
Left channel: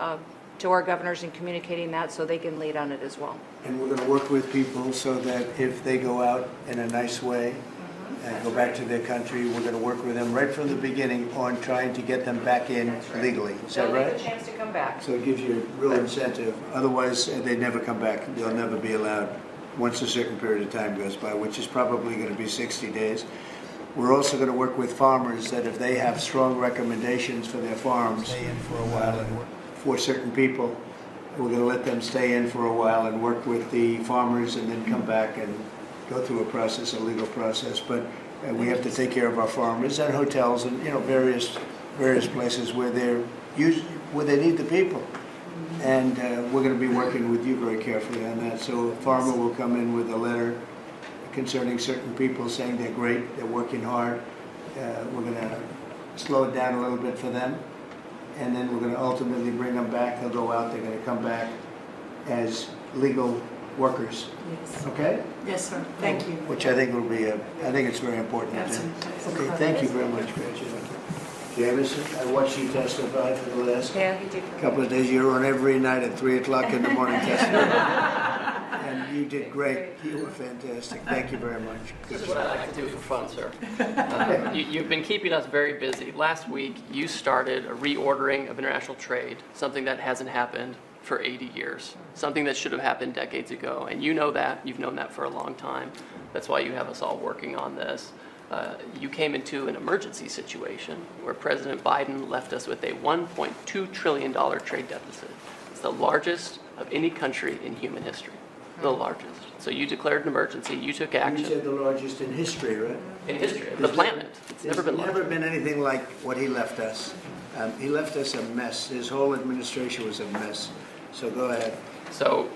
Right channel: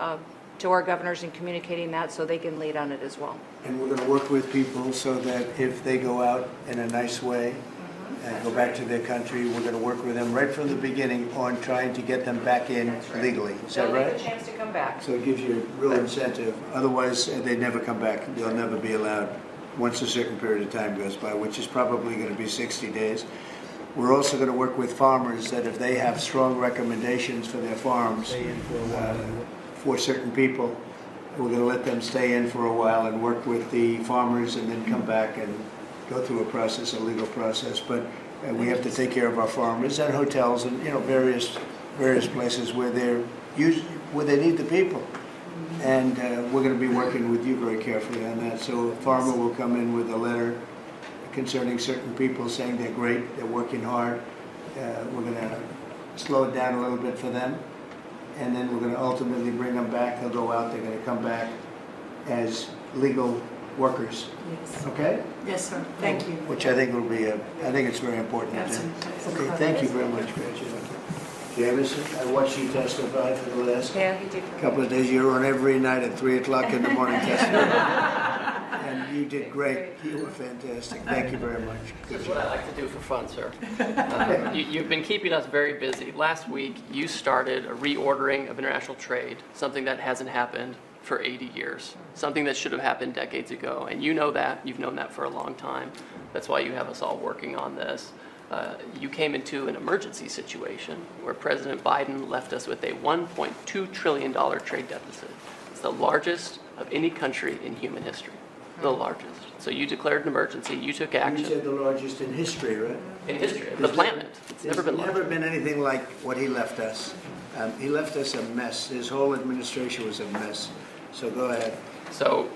to our governors and communicating that so they can lead on it as well. And we're going to work with people so that if they go out in a nice way and go back to their country, we're going to work with them right from the beginning on trying to get them back in legally. Is that They'll right? get a chance to come back. So it gives you a real incentive. Otherwise, they'd never come back. They'll never be allowed once a certain period of time goes by, which is probably going to be 60 days. We're also going to work with farmers that if they have strong recommendations for their farms for certain people, we're going to let them stay in for a while and work with the farmers and then come back and go through a process, a legal process. But we have to take care of our farmers and hotels and various places where they need the people. And we're going to be working with you very carefully on that. So a farmer will come in with a letter concerning certain people saying they're great, they're working hard. We're going to slow it down a little bit for them. And then we're going to ultimately bring them back. They'll go out, they're going to come back as legal workers. Yes. Okay? Yes, sir. Thank you. Which I think will be, I think it's very important. Okay, thank you very much, Gretchen. Jameson, I watched you testify for the last Yeah, he did. couple of days. You were on every night at 3 o'clock in the morning testifying. And you did great. You were fantastic. Thank you very much. This is what I like to do for fun, sir. You've been keeping us very busy. Last week, you started a reordering of international trade, something that hasn't happened for 80 years, something that should have happened decades ago. And you know that. You've known that for a long time. That's why you have us all working on this. You came into an emergency situation where President Biden left us with a $1.2 trillion trade deficit. It's the largest of any country in human history, the largest. So you declared an emergency, you took action. You said the largest in history, right? In history, the planet. It's never been larger. Never been anything like what he left us. He left us a mess. His whole administration was a mess. So go ahead. So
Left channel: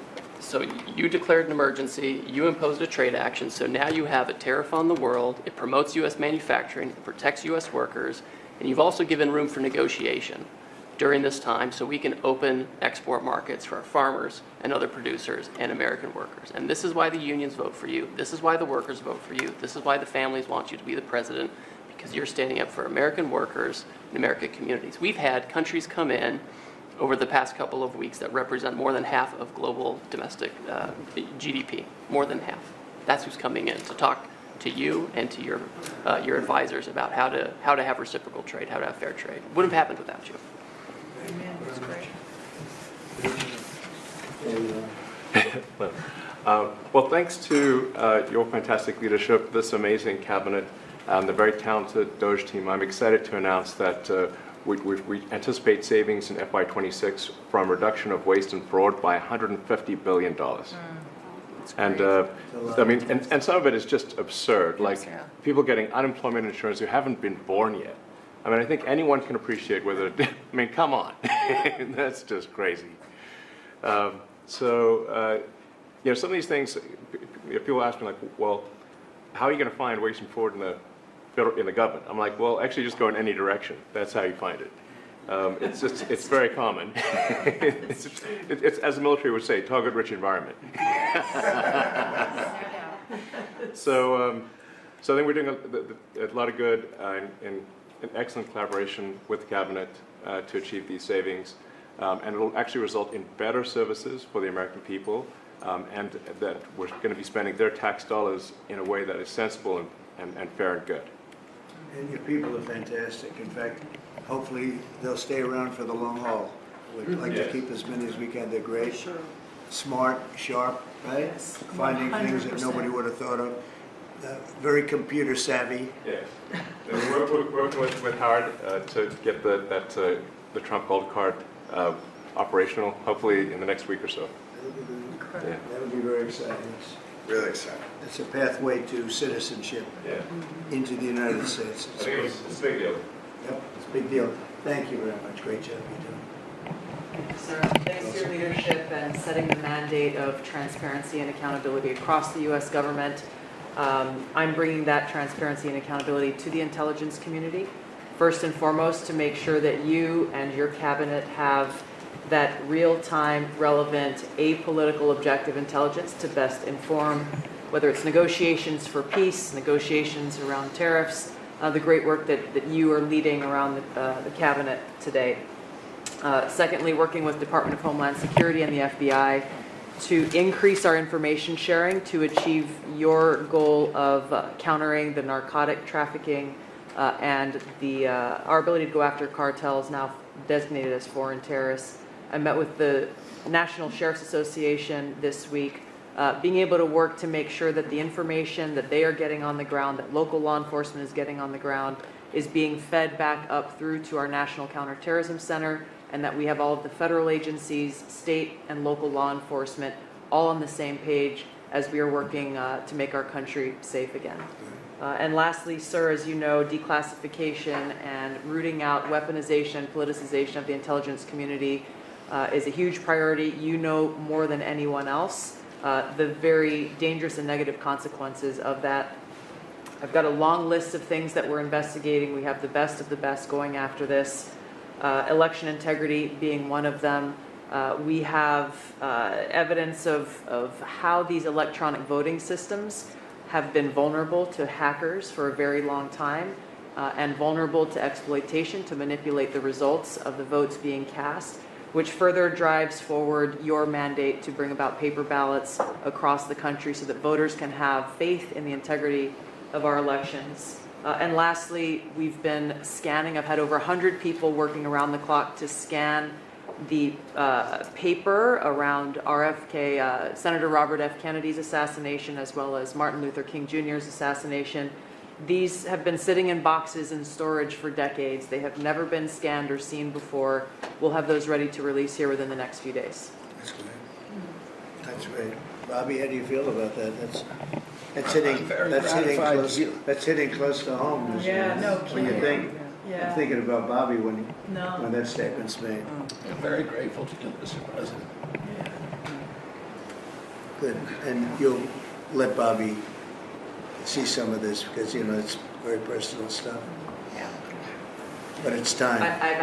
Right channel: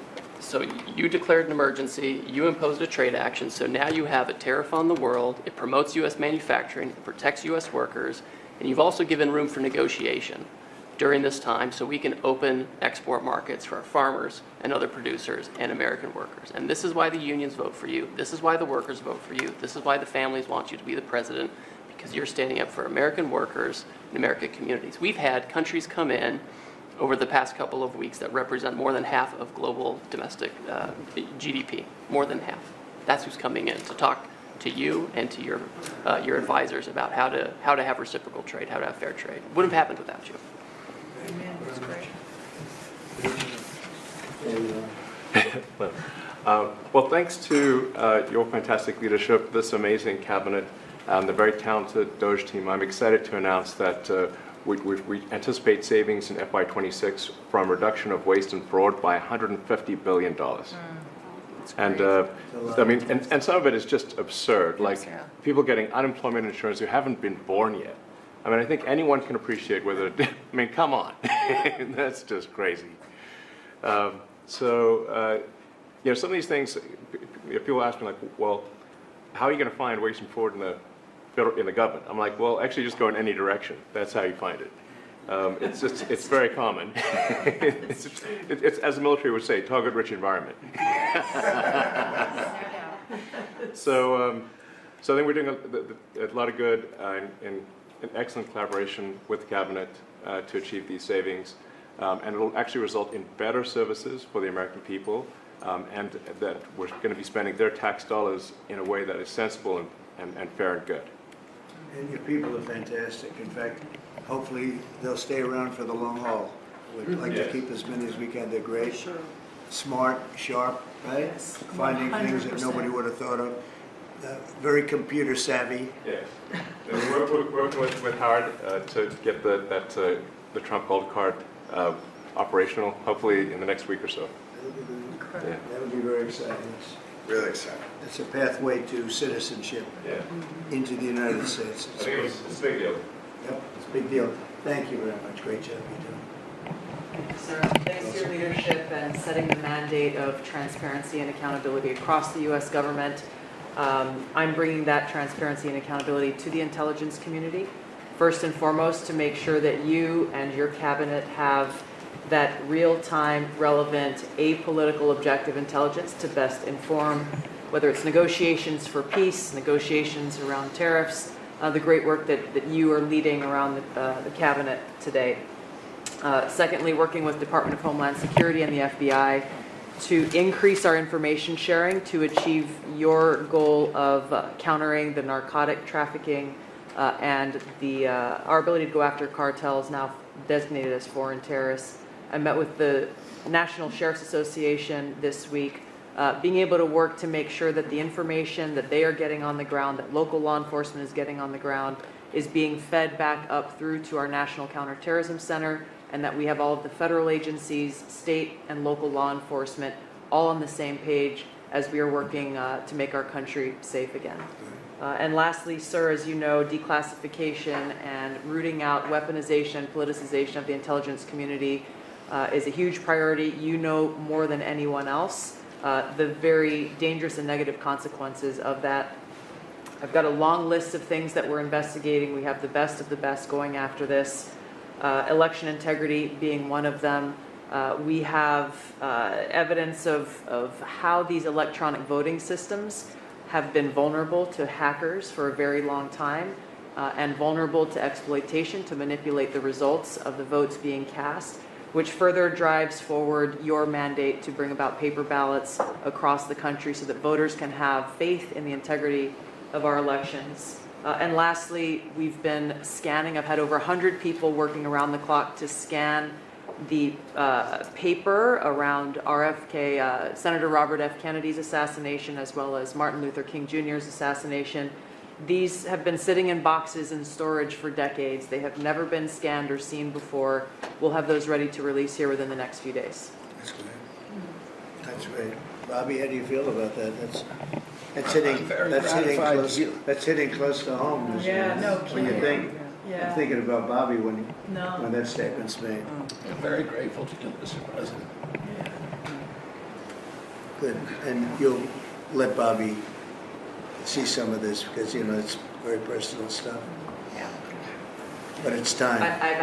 you declared an emergency, you imposed a trade action, so now you have a tariff on the world, it promotes U.S. manufacturing, it protects U.S. workers, and you've also given room for negotiation during this time so we can open export markets for our farmers and other producers and American workers. And this is why the unions vote for you, this is why the workers vote for you, this is why the families want you to be the president, because you're standing up for American workers and American communities. We've had countries come in over the past couple of weeks that represent more than half of global domestic GDP, more than half. That's who's coming in to talk to you and to your advisors about how to have reciprocal trade, how to have fair trade. Wouldn't have happened without you. Amen. That's great. Well, thanks to your fantastic leadership, this amazing cabinet, and the very talented DOGE team, I'm excited to announce that we anticipate savings in FY26 from reduction of waste and fraud by $150 billion. And I mean, and some of it is just absurd, like people getting unemployment insurance who haven't been born yet. I mean, I think anyone can appreciate whether, I mean, come on, that's just crazy. You know, some of these things, people ask me like, well, how are you going to find waste and fraud in the government? I'm like, well, actually just go in any direction. That's how you find it. It's very common. it's, as the military would say, target-rich environment. So I think we're doing a lot of good in excellent collaboration with the cabinet to achieve these savings. And it'll actually result in better services for the American people, and that we're going to be spending their tax dollars in a way that is sensible and fair and good. And your people are fantastic. In fact, hopefully they'll stay around for the long haul. We'd like to keep as many as we can. They're great, smart, sharp, right? Yes, Finding things that 100%. nobody would have thought of. Very computer savvy. Yes. We're working with Howard to get the Trump Gold Card operational, hopefully in the next week or so. Yeah. That'll be very exciting. Really exciting. It's a pathway to citizenship into the United States. I think it's a big deal. Yep, it's a big deal. Thank you very much. Great job you're doing. Sir, thanks for your leadership and setting the mandate of transparency and accountability across the U.S. government. I'm bringing that transparency and accountability to the intelligence community, first and foremost, to make sure that you and your cabinet have that real-time, relevant, apolitical, objective intelligence to best inform, whether it's negotiations for peace, negotiations around tariffs, the great work that you are leading around the cabinet today. Secondly, working with Department of Homeland Security and the FBI to increase our information sharing to achieve your goal of countering the narcotic trafficking and our ability to go after cartels now designated as foreign terrorists. I met with the National Sheriff's Association this week, being able to work to make sure that the information that they are getting on the ground, that local law enforcement is getting on the ground, is being fed back up through to our National Counterterrorism Center, and that we have all of the federal agencies, state and local law enforcement all on the same page as we are working to make our country safe again. And lastly, sir, as you know, declassification and rooting out weaponization, politicization of the intelligence community is a huge priority. You know more than anyone else the very dangerous and negative consequences of that. I've got a long list of things that we're investigating. We have the best of the best going after this. Election integrity being one of them. We have evidence of how these electronic voting systems have been vulnerable to hackers for a very long time and vulnerable to exploitation to manipulate the results of the votes being cast. which further drives forward your mandate to bring about paper ballots across the country so that voters can have faith in the integrity of our elections. And lastly, we've been scanning. I've had over 100 people working around the clock to scan the paper around RFK, Senator Robert F. Kennedy's assassination, as well as Martin Luther King Jr.'s assassination. These have been sitting in boxes in storage for decades. They have never been scanned or seen before. We'll have those ready to release here within the next few days. That's great. That's great. Bobby, how do you feel about that? That's hitting close to home. Yeah, no When you kidding. think, Yeah. I'm thinking about Bobby when No. that statement's made. I'm very grateful to you, Mr. President. Good. And you'll let Bobby see some of this because, you know, it's very personal stuff. Yeah. But it's time. I've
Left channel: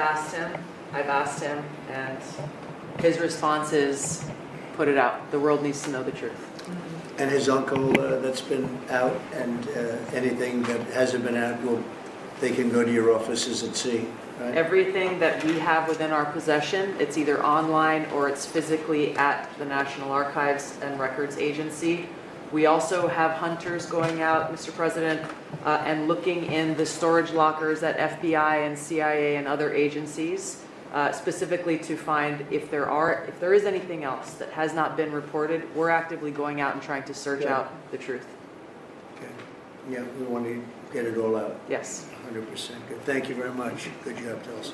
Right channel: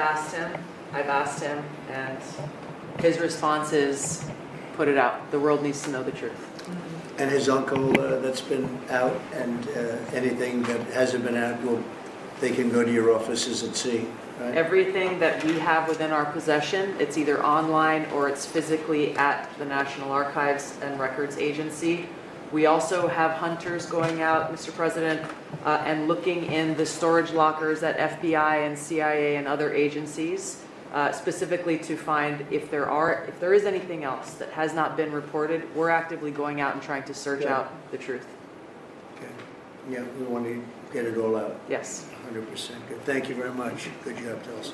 asked him, and his response is, put it out. The world needs to know the truth. And his uncle that's been out, and anything that hasn't been out, they can go to your offices and see, right? Everything that we have within our possession, it's either online or it's physically at the National Archives and Records Agency. We also have hunters going out, Mr. President, and looking in the storage lockers at FBI and CIA and other agencies, specifically to find if there is anything else that has not been reported. We're actively going out and trying to search out the truth. Okay. Yeah, we want to get it all out. Yes. 100%. Good. Thank you very much. Good job, Tulsi.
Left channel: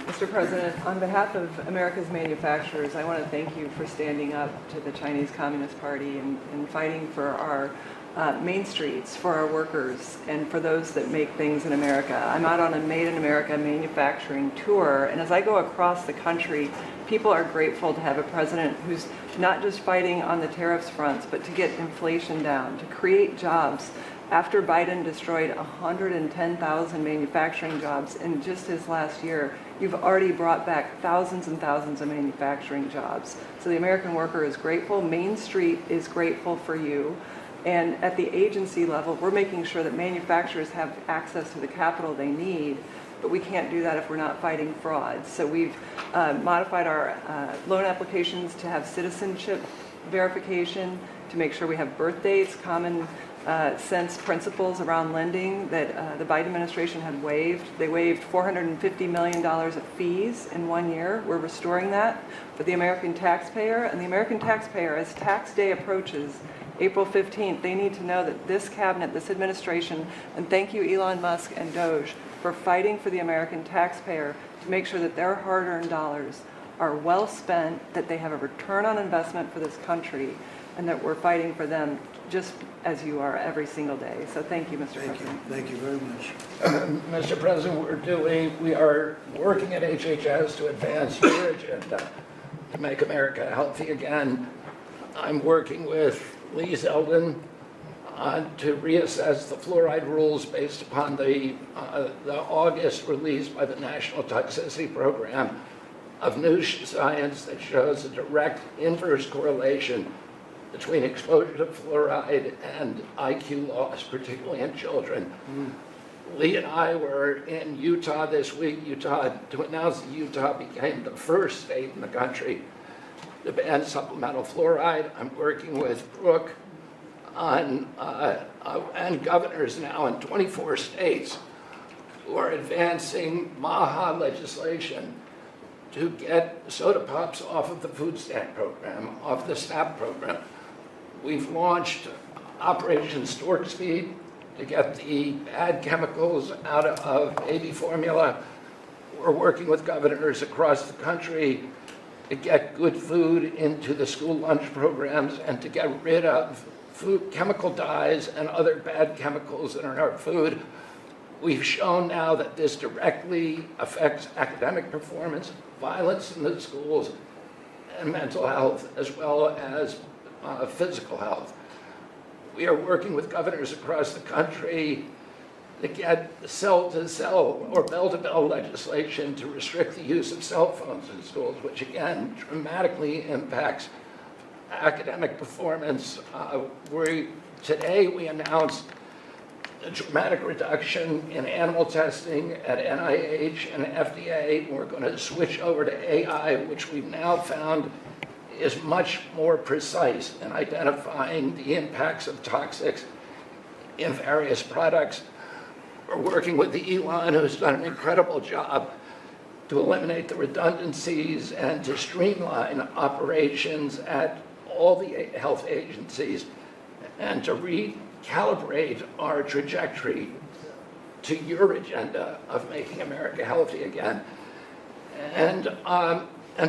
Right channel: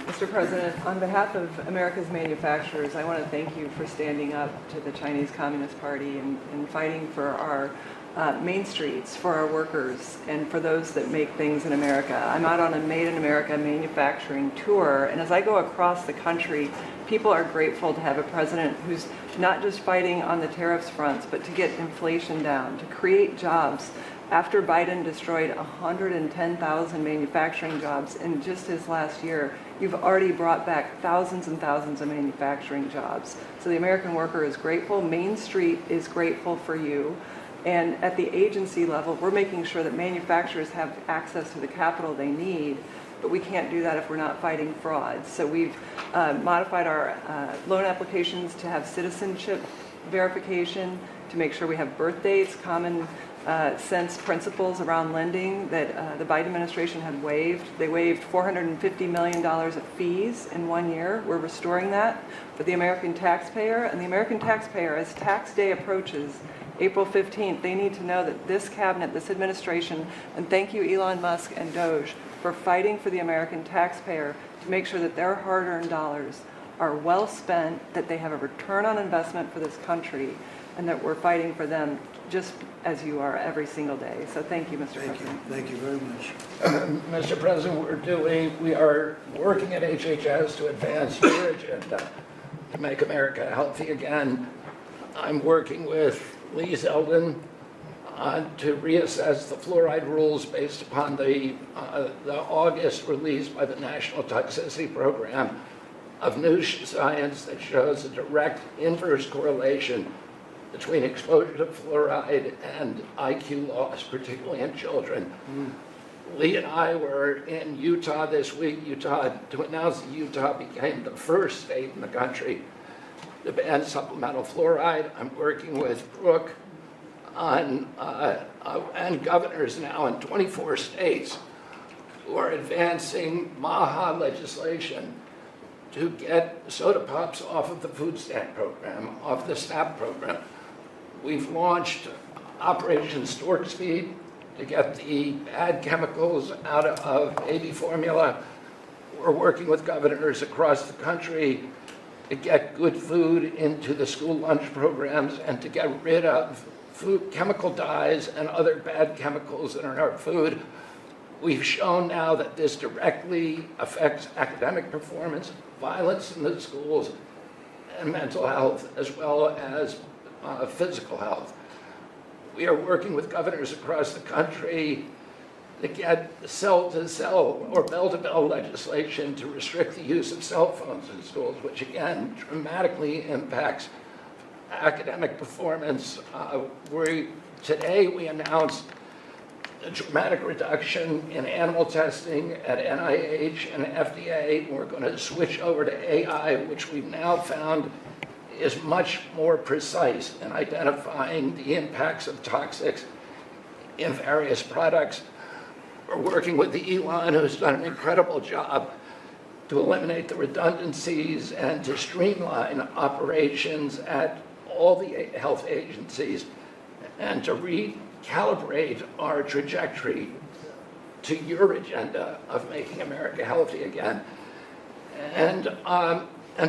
Mr. President, on behalf of America's manufacturers, I want to thank you for standing up to the Chinese Communist Party and fighting for our main streets, for our workers, and for those that make things in America. I'm out on a Made in America manufacturing tour, and as I go across the country, people are grateful to have a president who's not just fighting on the tariffs fronts, but to get inflation down, to create jobs. After Biden destroyed 110,000 manufacturing jobs in just his last year, you've already brought back thousands and thousands of manufacturing jobs. So the American worker is grateful. Main Street is grateful for you. And at the agency level, we're making sure that manufacturers have access to the capital they need, but we can't do that if we're not fighting fraud. So we've modified our loan applications to have citizenship verification, to make sure we have birth dates, common sense principles around lending that the Biden administration had waived. They waived $450 million of fees in 1 year. We're restoring that for the American taxpayer. And the American taxpayer, as tax day approaches, April 15th, they need to know that this cabinet, this administration, and thank you Elon Musk and Doge for fighting for the American taxpayer to make sure that their hard-earned dollars are well spent, that they have a return on investment for this country, and that we're fighting for them just as you are every single day. So thank you, Mr. President. Thank you very much. Mr. President, we are working at HHS to advance your agenda to make America healthy again. I'm working with Lee Zeldin to reassess the fluoride rules based upon the August release by the National Toxicity Program of new science that shows a direct inverse correlation between exposure to fluoride and IQ loss, particularly in children. Lee and I were in Utah this week, to announce that Utah became the first state in the country to ban supplemental fluoride. I'm working with Brooke on, and governors now in 24 states who are advancing MAHA legislation to get soda pops off of the food stamp program, off the SNAP program. We've launched Operation Stork Speed to get the bad chemicals out of baby formula. We're working with governors across the country to get good food into the school lunch programs and to get rid of food chemical dyes and other bad chemicals that are in our food. We've shown now that this directly affects academic performance, violence in the schools, and mental health, as well as physical health. We are working with governors across the country to get cell-to-cell or bell-to-bell legislation to restrict the use of cell phones in schools, which again dramatically impacts academic performance. Today we announced a dramatic reduction in animal testing at NIH and FDA. We're going to switch over to AI, which we've now found is much more precise in identifying the impacts of toxics in various products. We're working with Elon, who's done an incredible job to eliminate the redundancies and to streamline operations at all the health agencies and to recalibrate our trajectory to your agenda of making America healthy again. And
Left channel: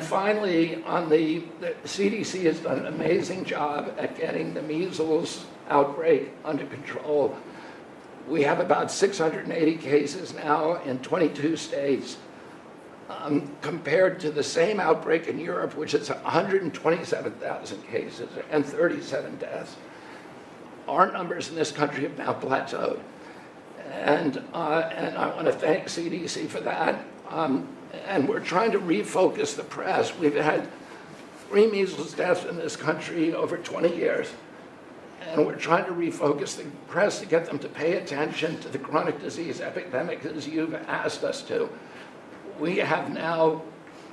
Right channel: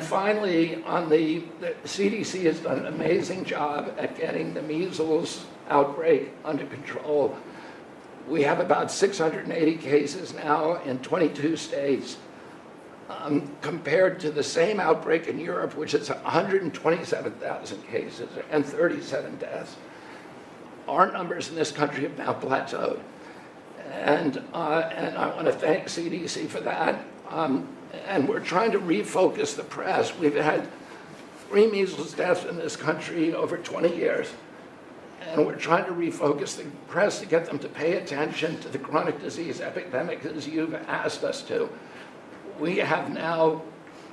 finally, on the CDC has done an amazing job at getting the measles outbreak under control. We have about 680 cases now in 22 states, compared to the same outbreak in Europe, which is 127,000 cases and 37 deaths. Our numbers in this country have now plateaued. And I want to thank CDC for that. And we're trying to refocus the press. We've had 3 measles deaths in this country over 20 years. And we're trying to refocus the press to get them to pay attention to the chronic disease epidemic as you've asked us to. We have now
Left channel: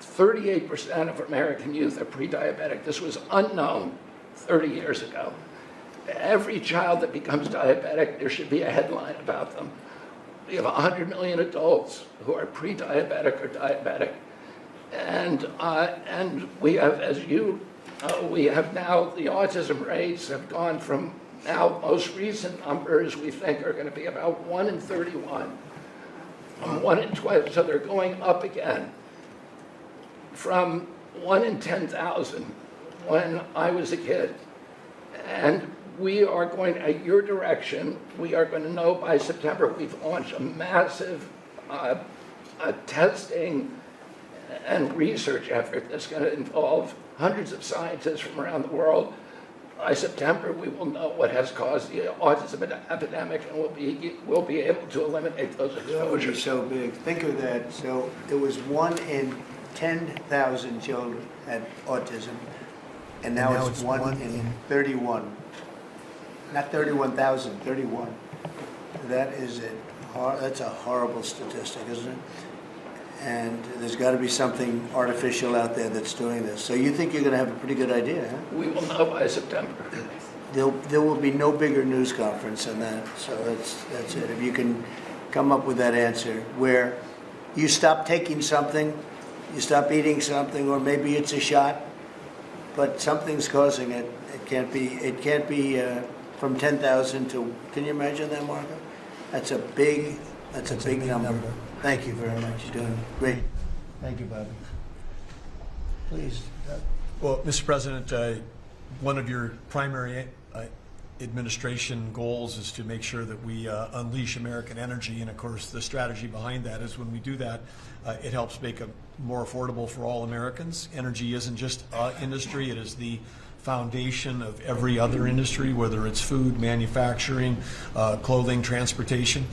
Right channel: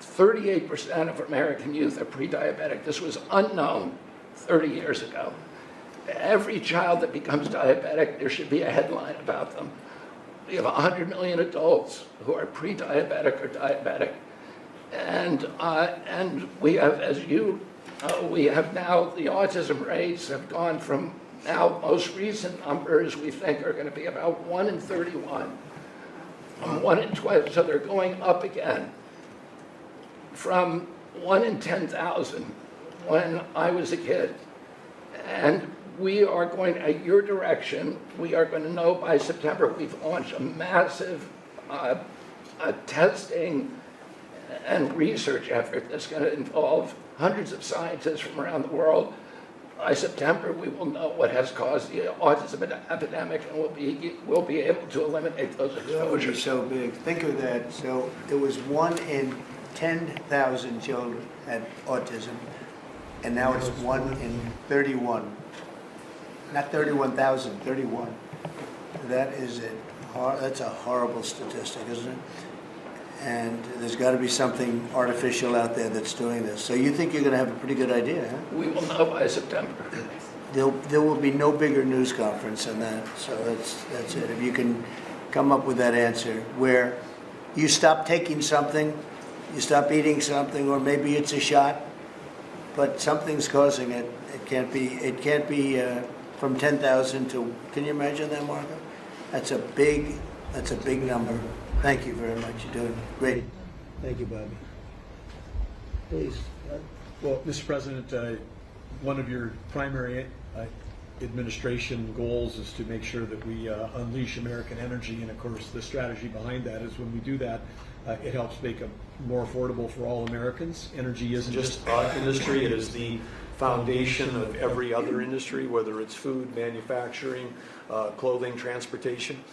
38% of American youth are pre-diabetic. This was unknown 30 years ago. Every child that becomes diabetic, there should be a headline about them. We have 100 million adults who are pre-diabetic or diabetic. And we have, as you know, we have now, the autism rates have gone from now, most recent numbers we think are going to be about 1 in 31, 1 in 12, so they're going up again from 1 in 10,000 when I was a kid. And we are going, at your direction, we are going to know by September. We've launched a massive testing and research effort that's going to involve hundreds of scientists from around the world. By September, we will know what has caused the autism epidemic, and we'll be able to eliminate those exposures. So big. Think of that. So it was 1 in 10,000 children had autism, and now it's 1 in 31. Not 31,000, 31. That's a horrible statistic, isn't it? And there's got to be something artificial out there that's doing this. So you think you're going to have a pretty good idea, huh? We will know by September. There will be no bigger news conference than that. So that's it. If you can come up with that answer where you stop taking something, you stop eating something, or maybe it's a shot, but something's causing it. It can't be from 10,000 to, can you imagine that, Marco? That's a big number. Thank you very much. You're doing great. Thank you, Bobby. Please. Well, Mr. President, one of your primary administration goals is to make sure that we unleash American energy, and of course the strategy behind that is when we do that, it helps make it more affordable for all Americans. Energy isn't just our industry, it is the foundation of every other industry, whether it's food, manufacturing, clothing, transportation.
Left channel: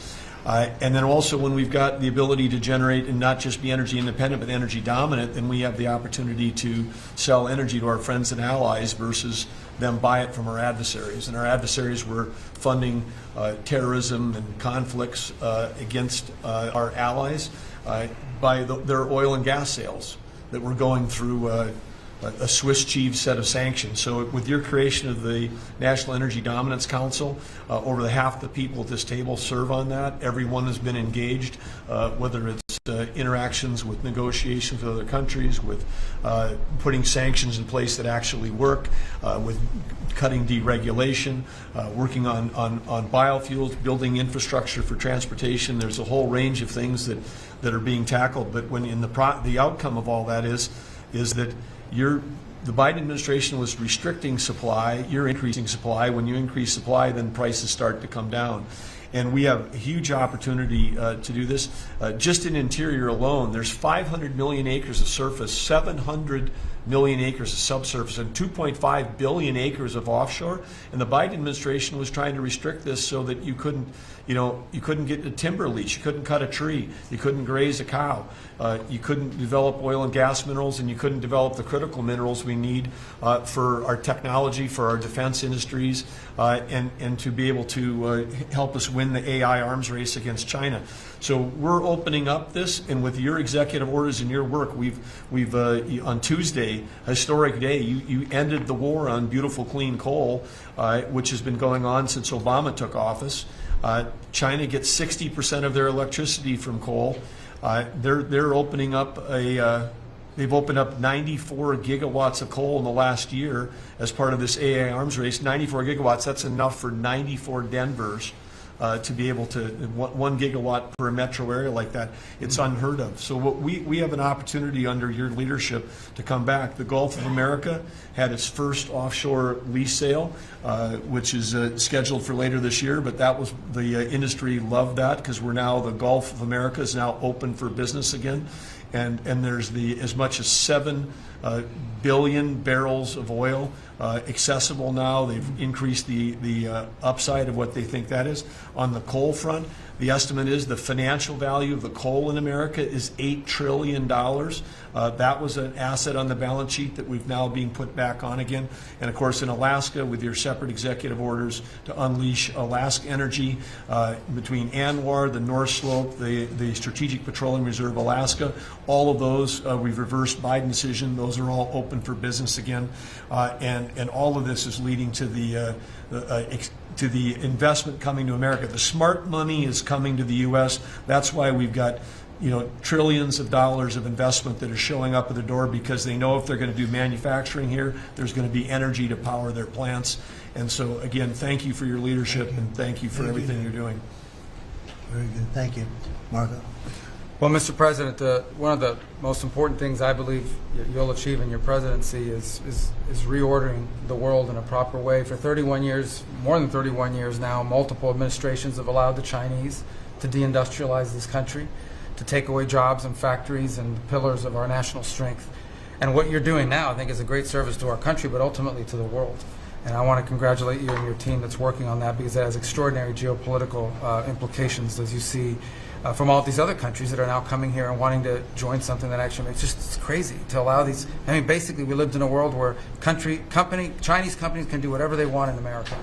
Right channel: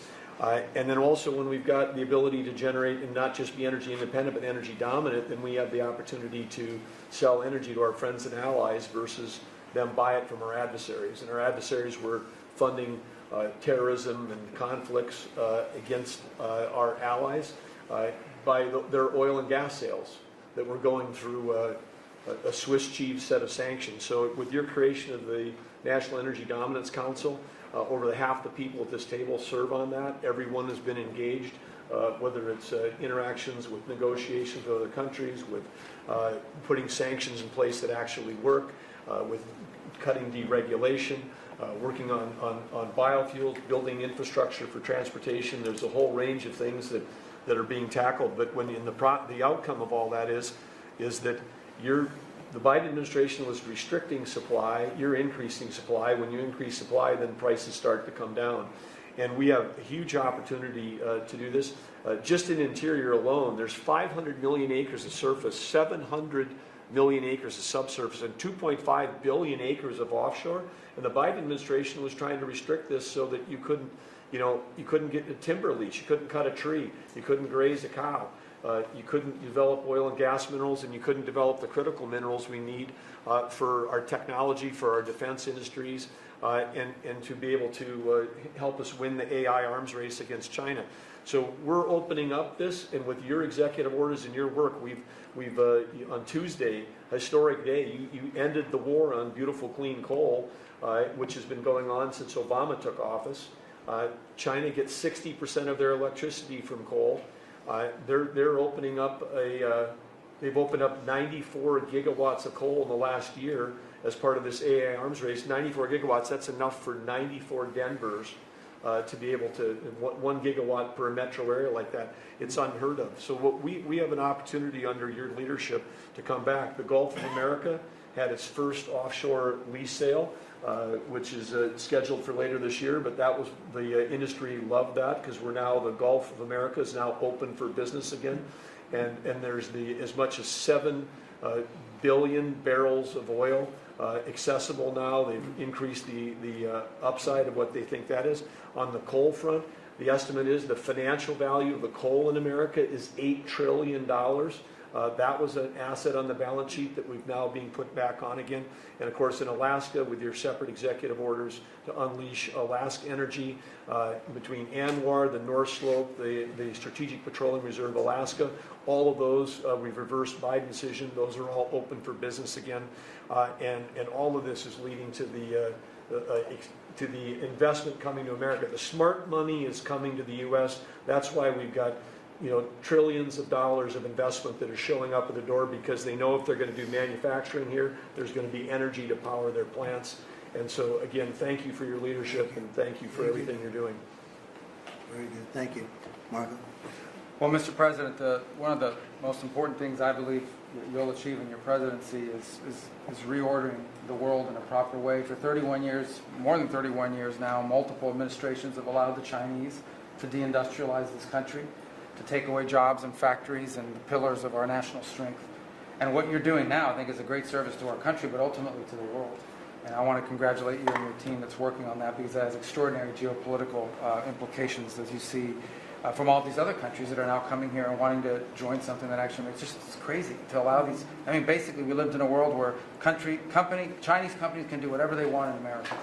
And then also when we've got the ability to generate and not just be energy independent but energy dominant, then we have the opportunity to sell energy to our friends and allies versus them buy it from our adversaries. And our adversaries were funding terrorism and conflicts against our allies by their oil and gas sales that were going through a Swiss cheese set of sanctions. So with your creation of the National Energy Dominance Council, over half the people at this table serve on that. Everyone has been engaged, whether it's interactions with negotiations with other countries, with putting sanctions in place that actually work, with cutting deregulation, working on biofuels, building infrastructure for transportation. There's a whole range of things that are being tackled. But when the outcome of all that is that the Biden administration was restricting supply, you're increasing supply. When you increase supply, then prices start to come down. And we have a huge opportunity to do this. Just in interior alone, there's 500 million acres of surface, 700 million acres of subsurface, and 2.5 billion acres of offshore. And the Biden administration was trying to restrict this so that you couldn't You know, you couldn't get a timber lease, you couldn't cut a tree, you couldn't graze a cow, you couldn't develop oil and gas minerals, and you couldn't develop the critical minerals we need for our technology, for our defense industries, and to be able to help us win the AI arms race against China. So we're opening up this, and with your executive orders and your work, we've on Tuesday, historic day, you ended the war on beautiful clean coal, which has been going on since Obama took office. China gets 60% of their electricity from coal. They're opening up they've opened up 94 gigawatts of coal in the last year as part of this AI arms race. 94 gigawatts, that's enough for 94 Denvers to be able to, 1 gigawatt per metro area like that. It's unheard of. So what we have an opportunity under your leadership to come back. The Gulf of America had its first offshore lease sale, which is scheduled for later this year, but that was, the industry loved that because we're now, the Gulf of America is now open for business again. And there's as much as 7 billion barrels of oil accessible now. They've increased the upside of what they think that is. On the coal front, the estimate is the financial value of the coal in America is $8 trillion. That was an asset on the balance sheet that we've now being put back on again. And of course in Alaska, with your separate executive orders to unleash Alaska energy between ANWR, the North Slope, the Strategic Petroleum Reserve Alaska, all of those, we've reversed Biden's decision. Those are all open for business again. And all of this is leading to the investment coming to America. The smart money is coming to the U.S. That's why we've got, you know, trillions of dollars of investment that is showing up at the door, because they know if they're going to do manufacturing here, there's going to be energy to power their plants. And so again, thank you for your leadership, and thank you for everything you're doing. Very good. Thank you. Marco? Well, Mr. President, one of the most important things I believe you'll achieve in your presidency is reordering the world in a proper way. For 31 years, more than 31 years now, multiple administrations have allowed the Chinese to deindustrialize this country, to take away jobs and factories and the pillars of our national strength. And what you're doing now, I think, is a great service to our country, but ultimately to the world. And I want to congratulate you and your team that's working on that, because that has extraordinary geopolitical implications, as you see, from all these other countries that are now coming here and wanting to join something that actually, it's crazy to allow these. I mean, basically, we lived in a world where Chinese companies can do whatever they want in America,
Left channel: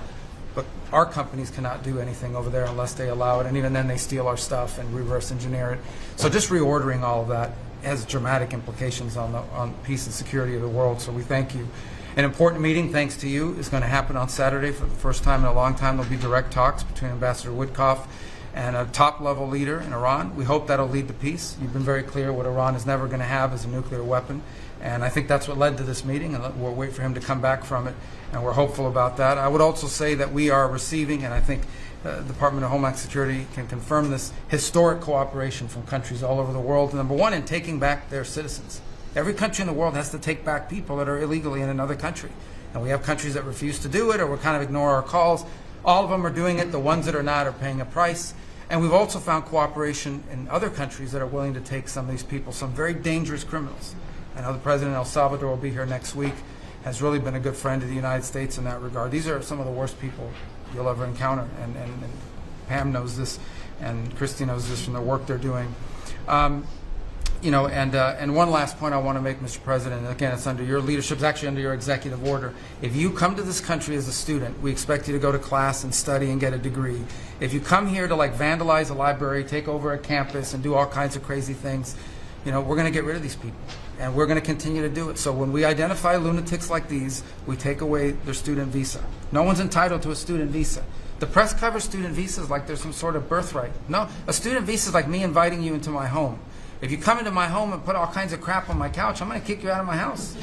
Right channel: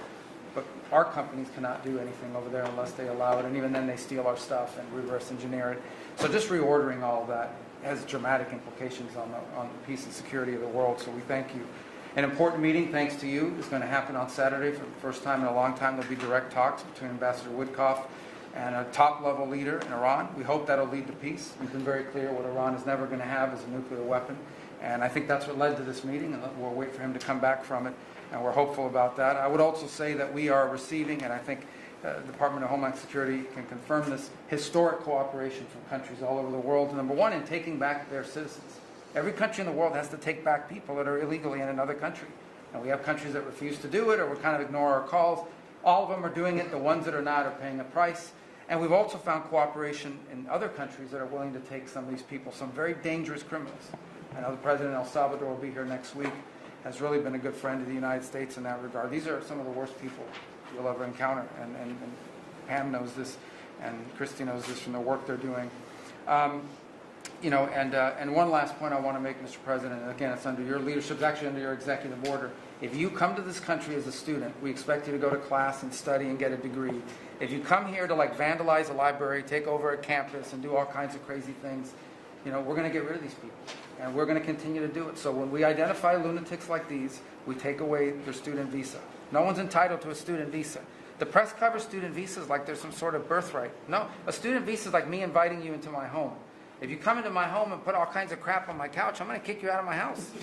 but our companies cannot do anything over there unless they allow it, and even then they steal our stuff and reverse engineer it. So just reordering all of that has dramatic implications on peace and security of the world, so we thank you. An important meeting, thanks to you, is going to happen on Saturday for the first time in a long time. There'll be direct talks between Ambassador Woodcock and a top-level leader in Iran. We hope that'll lead to peace. You've been very clear what Iran is never going to have is a nuclear weapon, and I think that's what led to this meeting, and we'll wait for him to come back from it, and we're hopeful about that. I would also say that we are receiving, and I think the Department of Homeland Security can confirm this, historic cooperation from countries all over the world. Number one, in taking back their citizens. Every country in the world has to take back people that are illegally in another country, and we have countries that refuse to do it or will kind of ignore our calls. All of them are doing it. The ones that are not are paying a price. And we've also found cooperation in other countries that are willing to take some of these people, some very dangerous criminals. I know the President of El Salvador will be here next week, has really been a good friend of the United States in that regard. These are some of the worst people you'll ever encounter, and Pam knows this, and Christy knows this from the work they're doing. You know, and one last point I want to make, Mr. President, and again, it's under your leadership, it's actually under your executive order. If you come to this country as a student, we expect you to go to class and study and get a degree. If you come here to like vandalize a library, take over a campus, and do all kinds of crazy things, you know, we're going to get rid of these people, and we're going to continue to do it. So when we identify lunatics like these, we take away their student visa. No one's entitled to a student visa. The press covers student visas like there's some sort of birthright. No, a student visa is like me inviting you into my home. If you come into my home and put all kinds of crap on my couch, I'm going to kick you out of my house.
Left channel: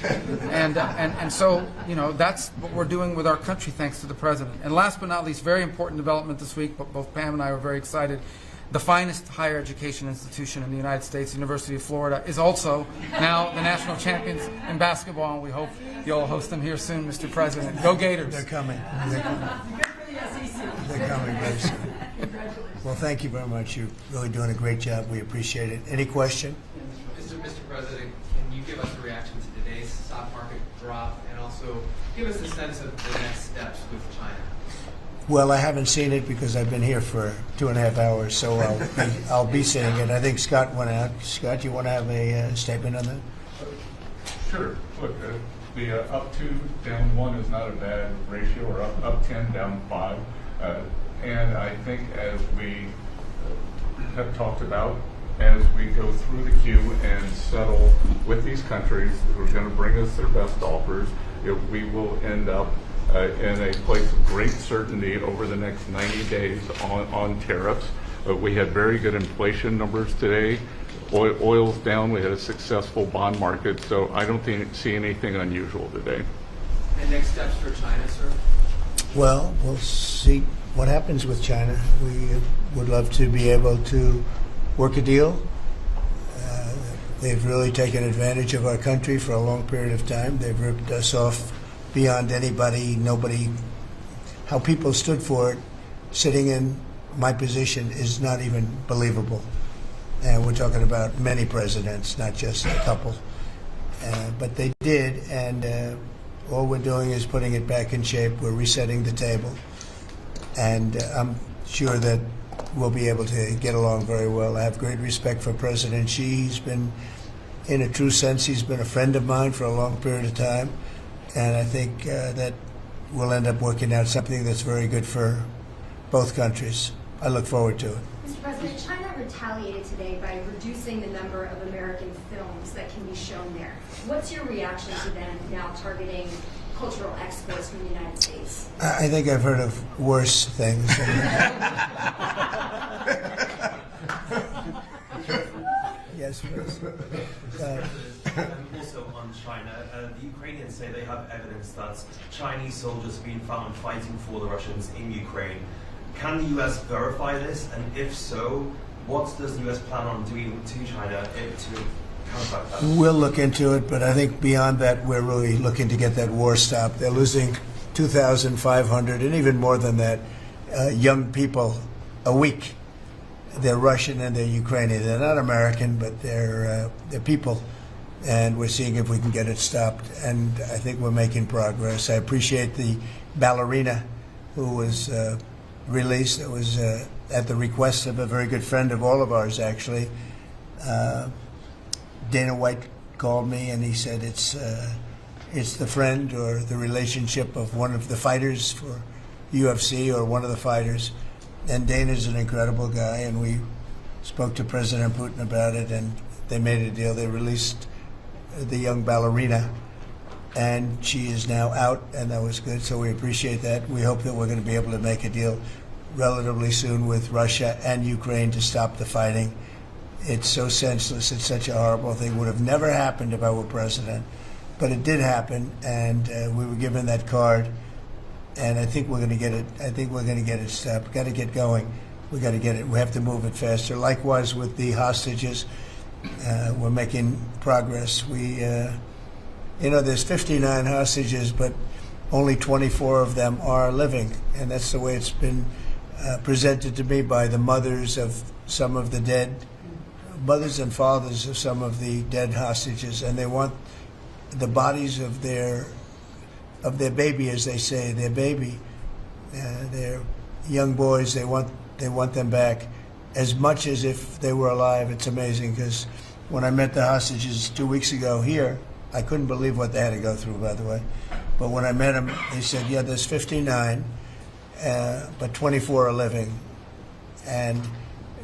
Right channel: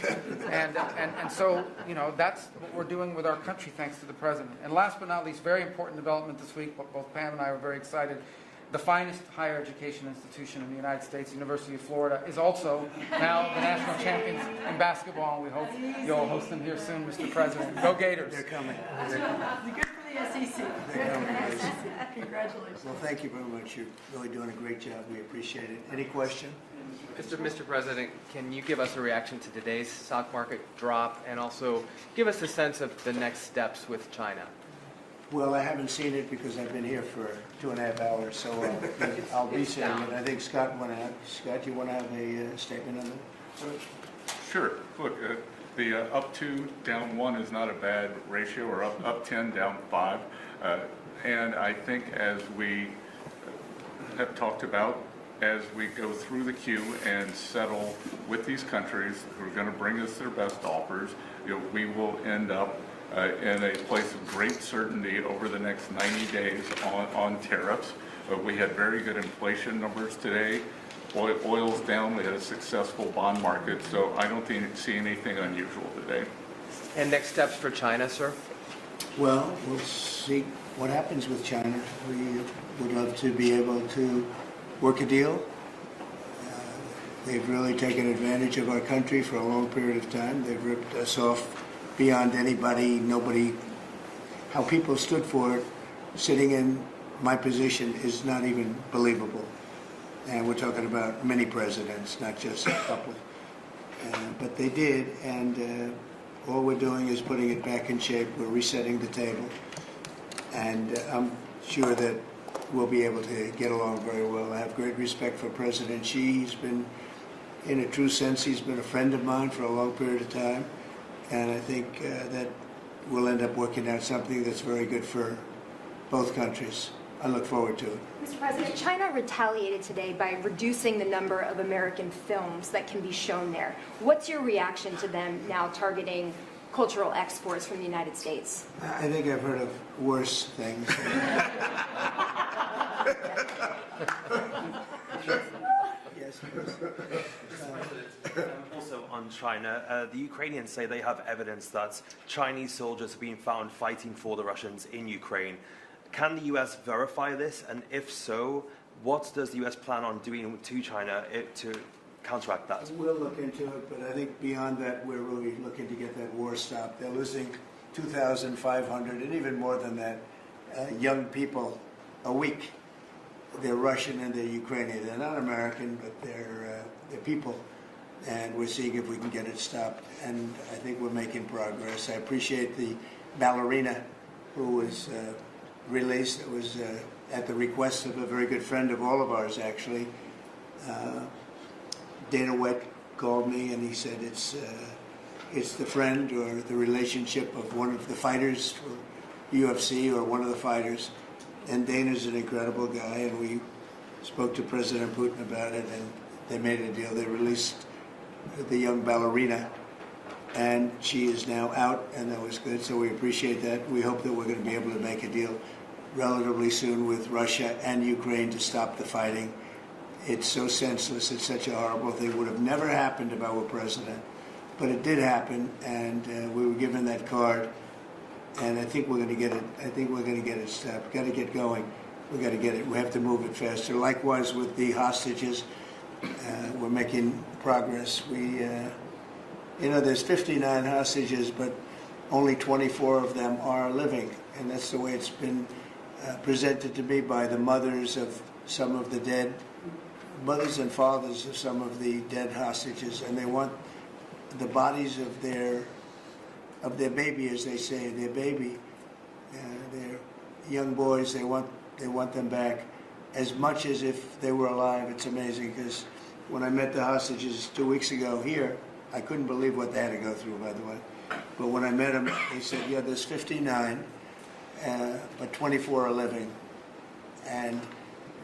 And so, you know, that's what we're doing with our country, thanks to the President. And last but not least, very important development this week, but both Pam and I are very excited. The finest higher education institution in the United States, University of Florida, is also now the national champions in basketball, and we hope you'll host them here soon, Mr. President. Go Gators. They're coming. Good for the SEC. They're coming very soon. Well, thank you very much. You're really doing a great job. We appreciate it. Any question? Mr. President, can you give us a reaction to today's stock market drop, and also give us a sense of the next steps with China? Well, I haven't seen it because I've been here for 2.5 hours, so I'll be seeing it. I think Scott went out. Scott, you want to have a statement on that? Sure. Look, the up 2, down 1 is not a bad ratio, or up 10, down 5. And I think as we have talked about, as we go through the queue and settle with these countries who are going to bring us their best offers, we will end up in a place of great certainty over the next 90 days on tariffs. We had very good inflation numbers today. Oil's down. We had a successful bond market, so I don't see anything unusual today. And next steps for China, sir? Well, we'll see what happens with China. We would love to be able to work a deal. They've really taken advantage of our country for a long period of time. They've ripped us off beyond nobody. How people stood for it, sitting in my position, is not even believable. And we're talking about many presidents, not just a couple. But they did, and all we're doing is putting it back in shape. We're resetting the table. And I'm sure that we'll be able to get along very well. I have great respect for President Xi. He's been, in a true sense, he's been a friend of mine for a long period of time. And I think that we'll end up working out something that's very good for both countries. I look forward to it. Mr. President, China retaliated today by reducing the number of American films that can be shown there. What's your reaction to them now targeting cultural exports from the United States? I think I've heard of worse things. Yes, please. Also on China, the Ukrainians say they have evidence that Chinese soldiers have been found fighting for the Russians in Ukraine. Can the US verify this? And if so, what does the US plan on doing to China to counteract that? We'll look into it, but I think beyond that, we're really looking to get that war stopped. They're losing 2,500 and even more than that young people a week. They're Russian and they're Ukrainian. They're not American, but they're people. And we're seeing if we can get it stopped. And I think we're making progress. I appreciate the ballerina who was released. It was at the request of a very good friend of all of ours, actually. Dana White called me and he said it's the friend or the relationship of one of the fighters for UFC or one of the fighters. And Dana's an incredible guy, and we spoke to President Putin about it, and they made a deal. They released the young ballerina, and she is now out, and that was good, so we appreciate that. We hope that we're going to be able to make a deal relatively soon with Russia and Ukraine to stop the fighting. It's so senseless. It's such a horrible thing. It would have never happened if I were president, but it did happen, and we were given that card. And I think we're going to get it. I think we're going to get it stopped. We've got to get going. We've got to get it. We have to move it faster. Likewise with the hostages, we're making progress. There's 59 hostages, but only 24 of them are living. And that's the way it's been presented to me by the mothers of some of the dead, mothers and fathers of some of the dead hostages. And they want the bodies of their baby, as they say, their baby, their young boys. They want them back as much as if they were alive. It's amazing because when I met the hostages 2 weeks ago here, I couldn't believe what they had to go through, by the way. But when I met them, they said, yeah, there's 59, but 24 are living. And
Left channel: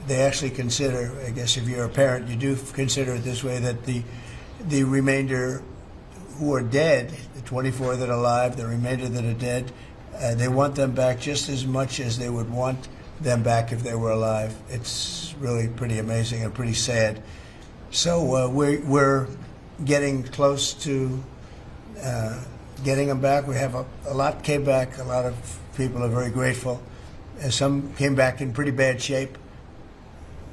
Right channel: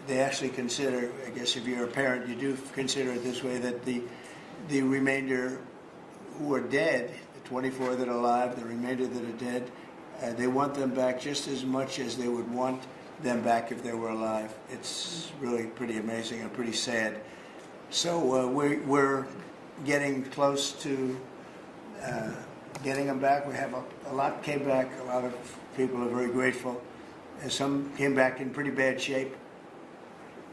they actually consider, I guess if you're a parent, you do consider it this way, that the remainder who are dead, the 24 that are alive, the remainder that are dead, they want them back just as much as they would want them back if they were alive. It's really pretty amazing and pretty sad. So we're getting close to getting them back. We have a lot came back. A lot of people are very grateful. And some came back in pretty bad shape.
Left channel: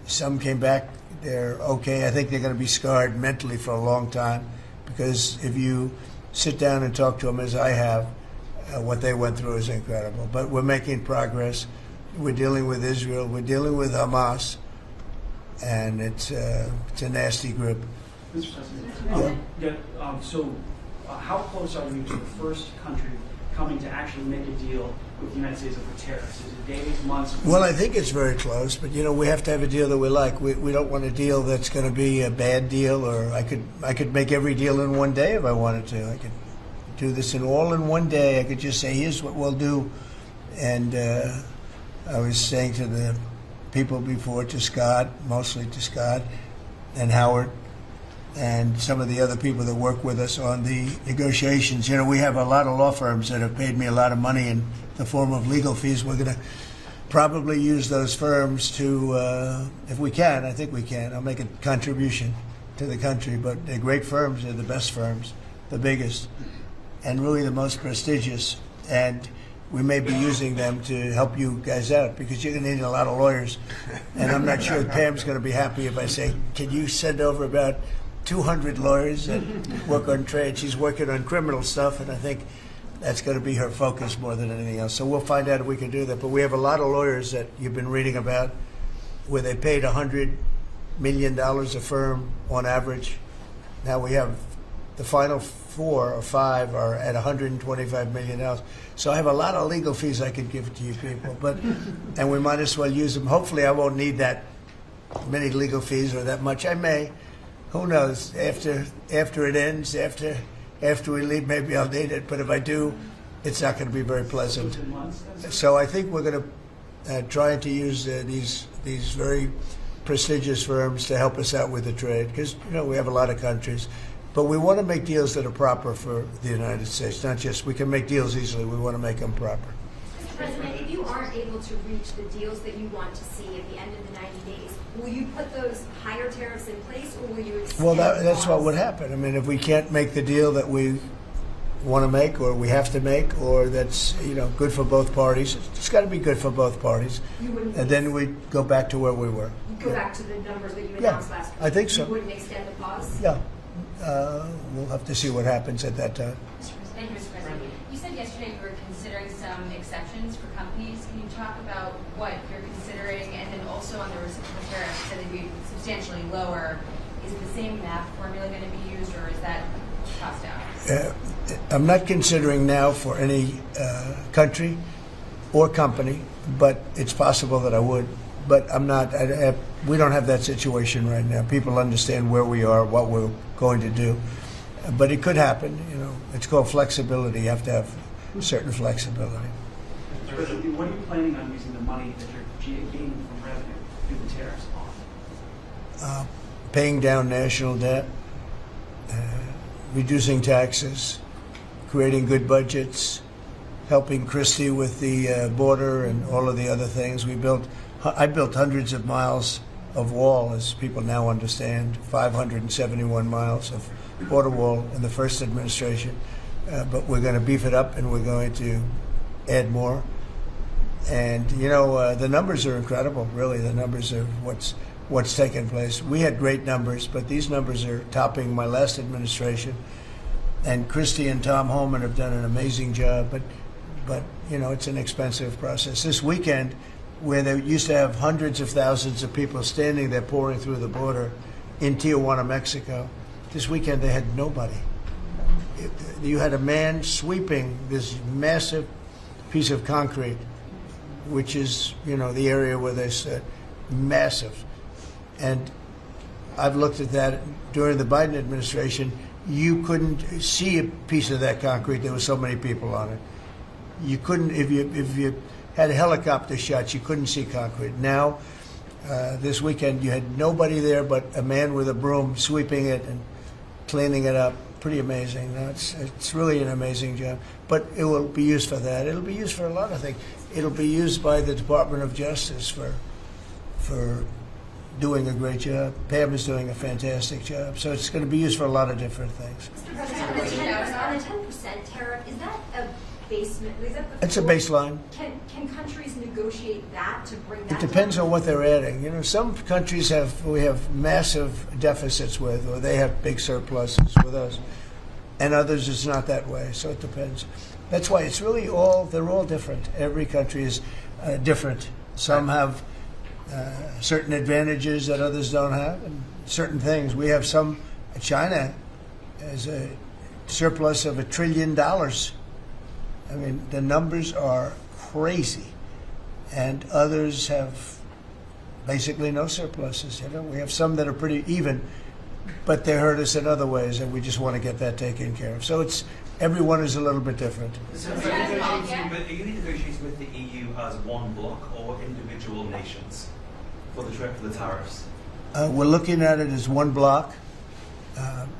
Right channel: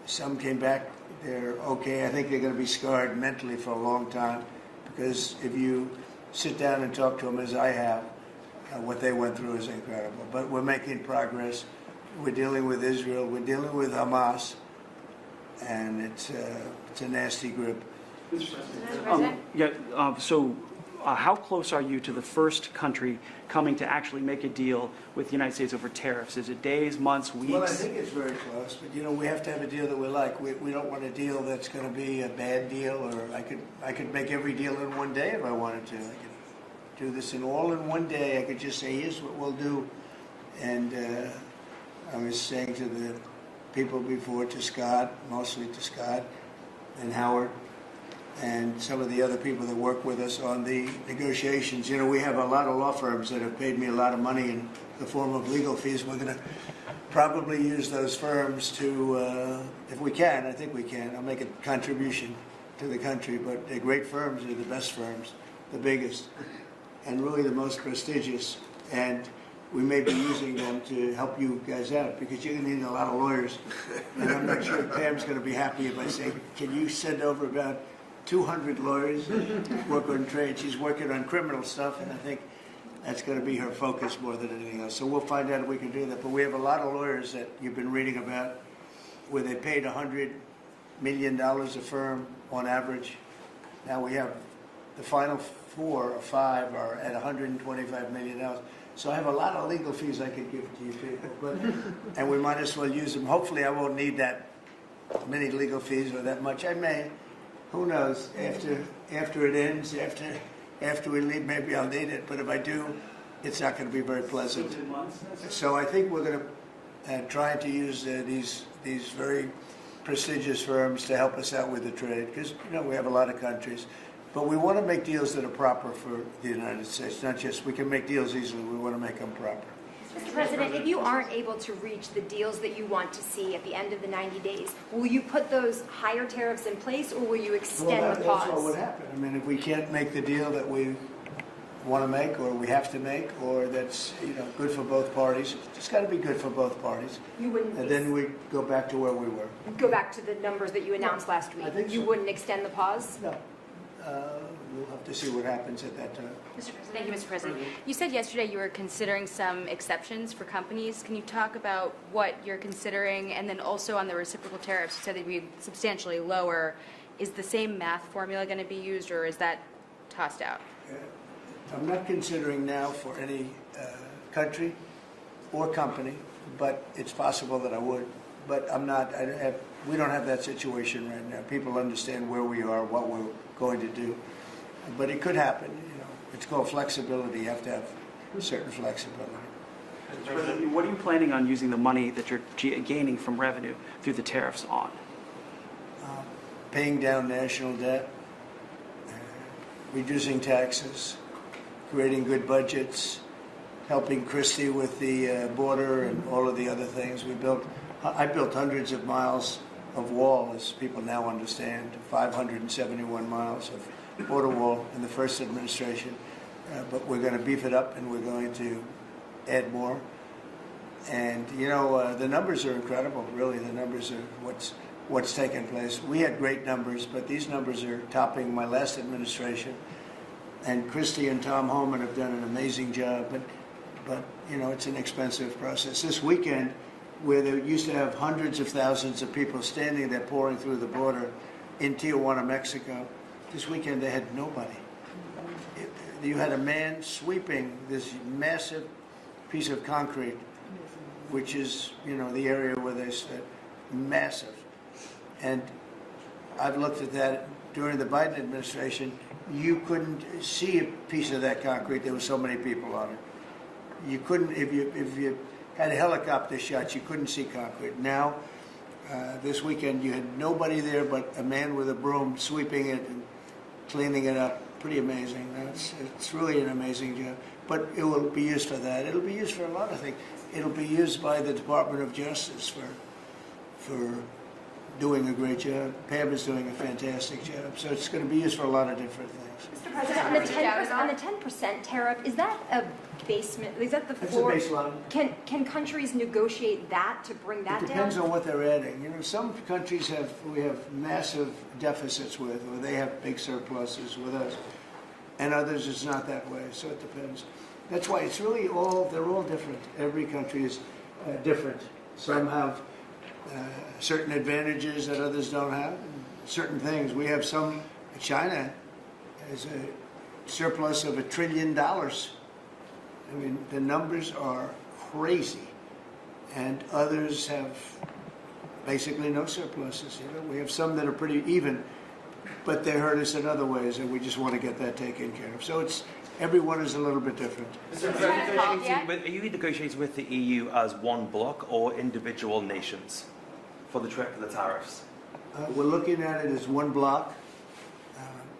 Some came back, they're okay. I think they're going to be scarred mentally for a long time. Because if you sit down and talk to them, as I have, what they went through is incredible. But we're making progress. We're dealing with Israel. We're dealing with Hamas. And it's a nasty group. So how close are you to the first country coming to actually make a deal with the United States over tariffs? Is it days, months, weeks? Well, I think it's very close, but we have to have a deal that we like. We don't want a deal that's going to be a bad deal, or I could make every deal in one day if I wanted to. I could do this all in one day. I could just say, here's what we'll do. And I was saying to the people before, to Scott, mostly to Scott and Howard, and some of the other people that work with us on the negotiations. We have a lot of law firms that have paid me a lot of money in the form of legal fees. We're going to probably use those firms to, if we can, I think we can, I'll make a contribution to the country, but they're great firms. They're the best firms, the biggest, and really the most prestigious. And we may be using them to help you guys out, because you're going to need a lot of lawyers. And I'm not sure Pam's going to be happy if I say, can you send over about 200 lawyers that work on trade? She's working on criminal stuff, and I think that's going to be her focus more than anything else. So we'll find out if we can do that. But we have a lot of lawyers that you've been reading about where they paid $100 million a firm on average. Now we have the final 4 or 5 are at $125 million. So I have a lot of legal fees I could give to you people, and we might as well use them. Hopefully I won't need that many legal fees or that much. I may. Who knows? After it ends, after we leave, maybe I'll need it. But if I do, it's not going to be very pleasant. So I think we're going to try to use these very prestigious firms to help us out with the trade, because we have a lot of countries. But we want to make deals that are proper for the United States, not just we can make deals easily. We want to make them proper. Mr. President, if you aren't able to reach the deals that you want to see at the end of the 90 days, will you put those higher tariffs in place, or will you extend that's what would happen. I mean, if we can't make the deal that we want to make, or we have to make, or that's good for both parties, it's got to be good for both parties. You wouldn't. And then we go back to where we were. Go back to the numbers that you announced last week. I think so. You wouldn't extend the pause. Yeah. We'll have to see what happens at that time. Thank you, Mr. President. You said yesterday you were considering some exceptions for companies. Can you talk about what you're considering? And then also on the reciprocal tariffs, you said it'd be substantially lower. Is the same math formula going to be used, or is that tossed out? I'm not considering now for any country or company, but it's possible that I would. But I'm not. We don't have that situation right now. People understand where we are, what we're going to do. But it could happen. It's called flexibility. You have to have certain flexibility. What are you planning on using the money that you're gaining from revenue through the tariffs on? Paying down national debt, reducing taxes, creating good budgets, helping Christie with the border and all of the other things we built. I built hundreds of miles of wall, as people now understand, 571 miles of border wall in the first administration. But we're going to beef it up, and we're going to add more. And the numbers are incredible. Really, the numbers are what's taken place. We had great numbers, but these numbers are topping my last administration. And Christie and Tom Homan have done an amazing job. But it's an expensive process. This weekend, where they used to have hundreds of thousands of people standing there pouring through the border in Tijuana, Mexico, this weekend they had nobody. You had a man sweeping this massive piece of concrete, which is, the area where they said massive. And I've looked at that during the Biden administration. You couldn't see a piece of that concrete. There were so many people on it. You couldn't, if you had a helicopter shots, you couldn't see concrete. Now, this weekend, you had nobody there but a man with a broom sweeping it and cleaning it up. Pretty amazing. It's really an amazing job. But it will be used for that. It'll be used for a lot of things. It'll be used by the Department of Justice for doing a great job. Pam is doing a fantastic job. So it's going to be used for a lot of different things. On the 10% tariff, is that a basement? Is that the It's a baseline. Can countries negotiate that to bring that It depends down? on what they're adding. Some countries we have massive deficits with, or they have big surpluses with us, and others it's not that way. So it depends. That's why it's really they're all different. Every country is different. Some have certain advantages that others don't have, and certain things. We have some. China has a surplus of $1 trillion. I mean, the numbers are crazy. And others have basically no surpluses. You know, we have some that are pretty even, but they hurt us in other ways, and we just want to get that taken care of. So it's everyone is a little bit different. So are you negotiating with the EU as one bloc or individual nations for the tariffs? We're looking at it as one bloc.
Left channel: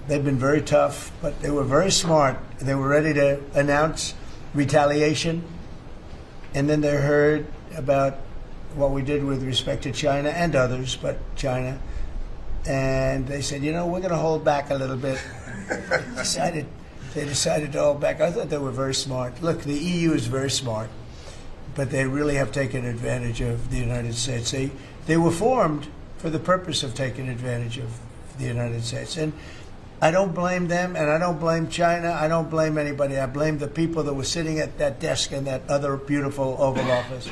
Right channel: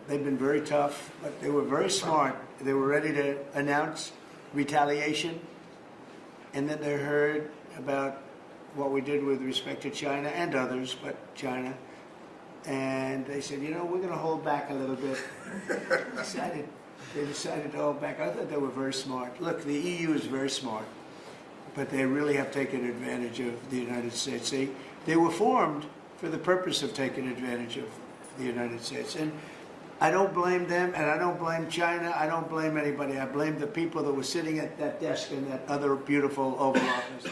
They've been very tough, but they were very smart. They were ready to announce retaliation, and then they heard about what we did with respect to China and others, but China, and they said, you know, we're going to hold back a little bit. They decided to hold back. I thought they were very smart. Look, the EU is very smart, but they really have taken advantage of the United States. They were formed for the purpose of taking advantage of the United States. And I don't blame them, and I don't blame China. I don't blame anybody. I blame the people that were sitting at that desk in that other beautiful Oval Office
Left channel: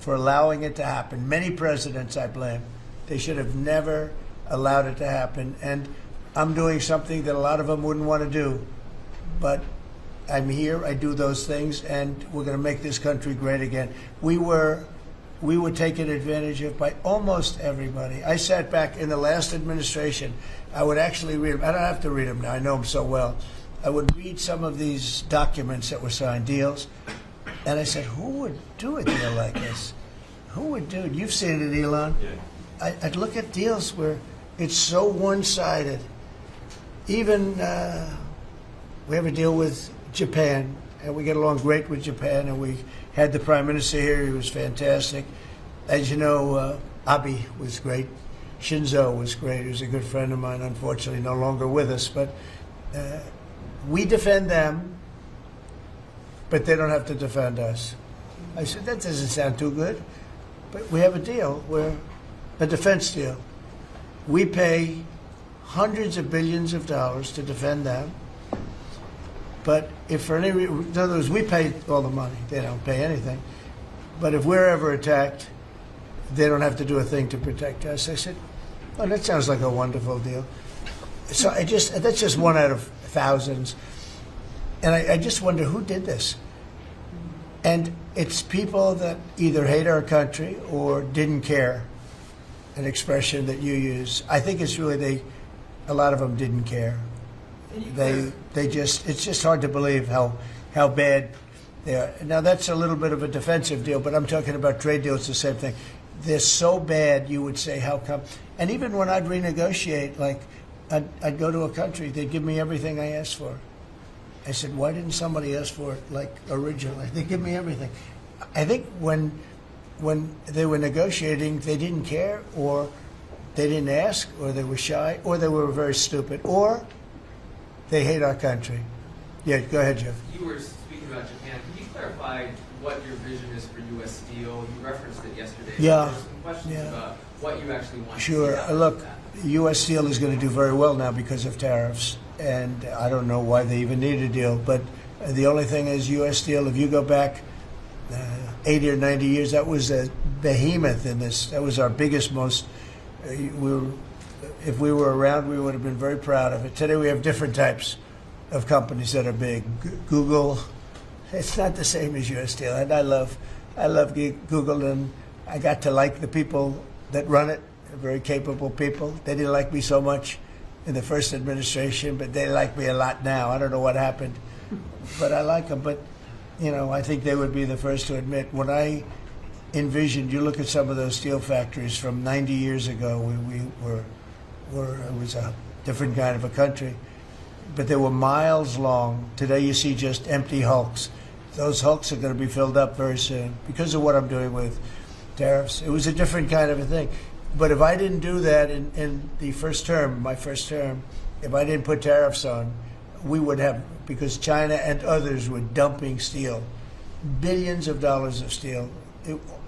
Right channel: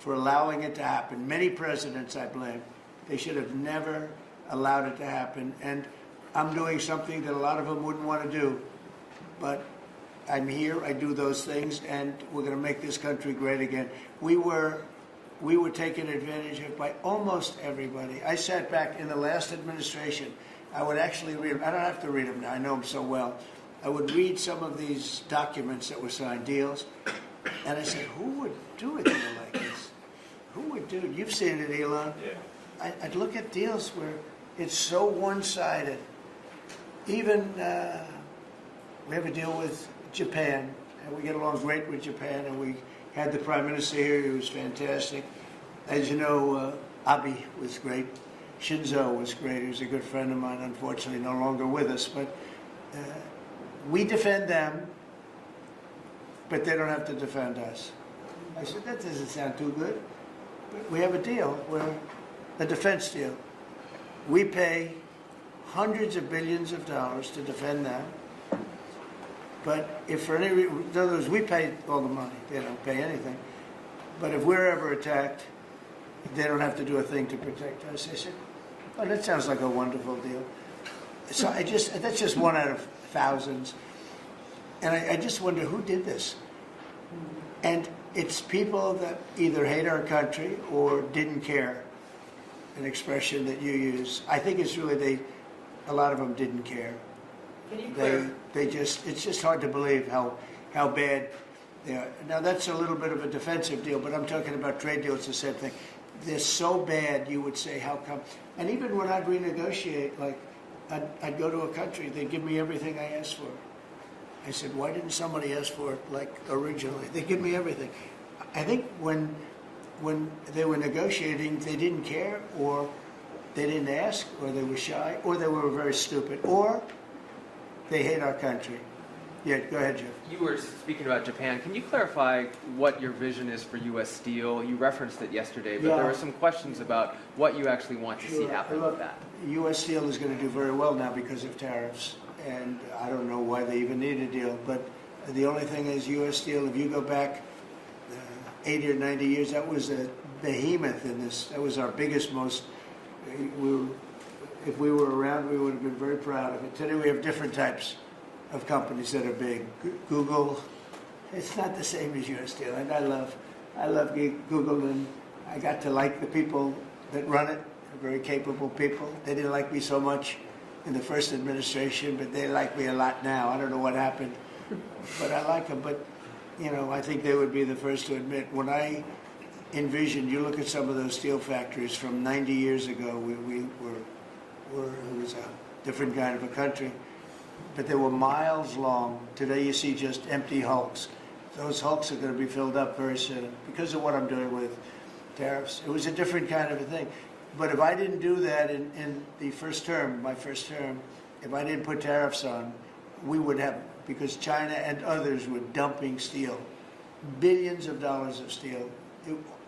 for allowing it to happen. Many presidents I blame. They should have never allowed it to happen. And I'm doing something that a lot of them wouldn't want to do. But I'm here, I do those things, and we're going to make this country great again. We were taken advantage of by almost everybody. I sat back in the last administration. I would actually read them. I don't have to read them now. I know them so well. I would read some of these documents that were signed, deals, and I said, who would do a deal like this? Who would do it? You've seen it, Elon. Yeah. I'd look at deals where it's so one-sided. Even we have a deal with Japan, and we get along great with Japan, and we had the Prime Minister here. He was fantastic. As you know, Abe was great. Shinzo was great. He was a good friend of mine, unfortunately no longer with us. But we defend them, but they don't have to defend us. I said, that doesn't sound too good. But we have a deal, where a defense deal. We pay hundreds of billions of dollars to defend them. But if for any reason, in other words, we pay all the money. They don't pay anything. But if we're ever attacked, they don't have to do a thing to protect us. I said, oh, that sounds like a wonderful deal. So that's just one out of thousands. And I just wonder who did this. And it's people that either hate our country or didn't care, an expression that you use. I think it's really a lot of them didn't care. It's just hard to believe how bad they are. Now that's a little bit of a defensive deal, but I'm talking about trade deals, the same thing. They're so bad, you would say, how come? And even when I'd renegotiate, like I'd go to a country, they'd give me everything I asked for. I said, why didn't somebody ask for it like originally? They give me everything. I think when they were negotiating, they didn't care, or they didn't ask, or they were shy, or they were very stupid, or they hate our country. Yeah, go ahead, Jeff. You were speaking about Japan. Can you clarify what your vision is for U.S. Steel? You referenced it yesterday. Yeah. There were some questions about what you actually want to see happen. Look, U.S. Steel is going to do very well now because of tariffs, and I don't know why they even need a deal. But the only thing is, U.S. Steel, if you go back 80 or 90 years, that was a behemoth in this. That was our biggest, most. If we were around, we would have been very proud of it. Today we have different types of companies that are big. Google, it's not the same as U.S. Steel. And I love Google, and I got to like the people that run it. They're very capable people. They didn't like me so much in the first administration, but they like me a lot now. I don't know what happened, but I like them. But, you know, I think they would be the first to admit, when I envisioned, you look at some of those steel factories from 90 years ago, it was a different kind of a country, but they were miles long. Today you see just empty hulks. Those hulks are going to be filled up very soon because of what I'm doing with tariffs. It was a different kind of a thing. But if I didn't do that in the first term, my first term, if I didn't put tariffs on, we would have, because China and others were dumping steel, billions of dollars of steel.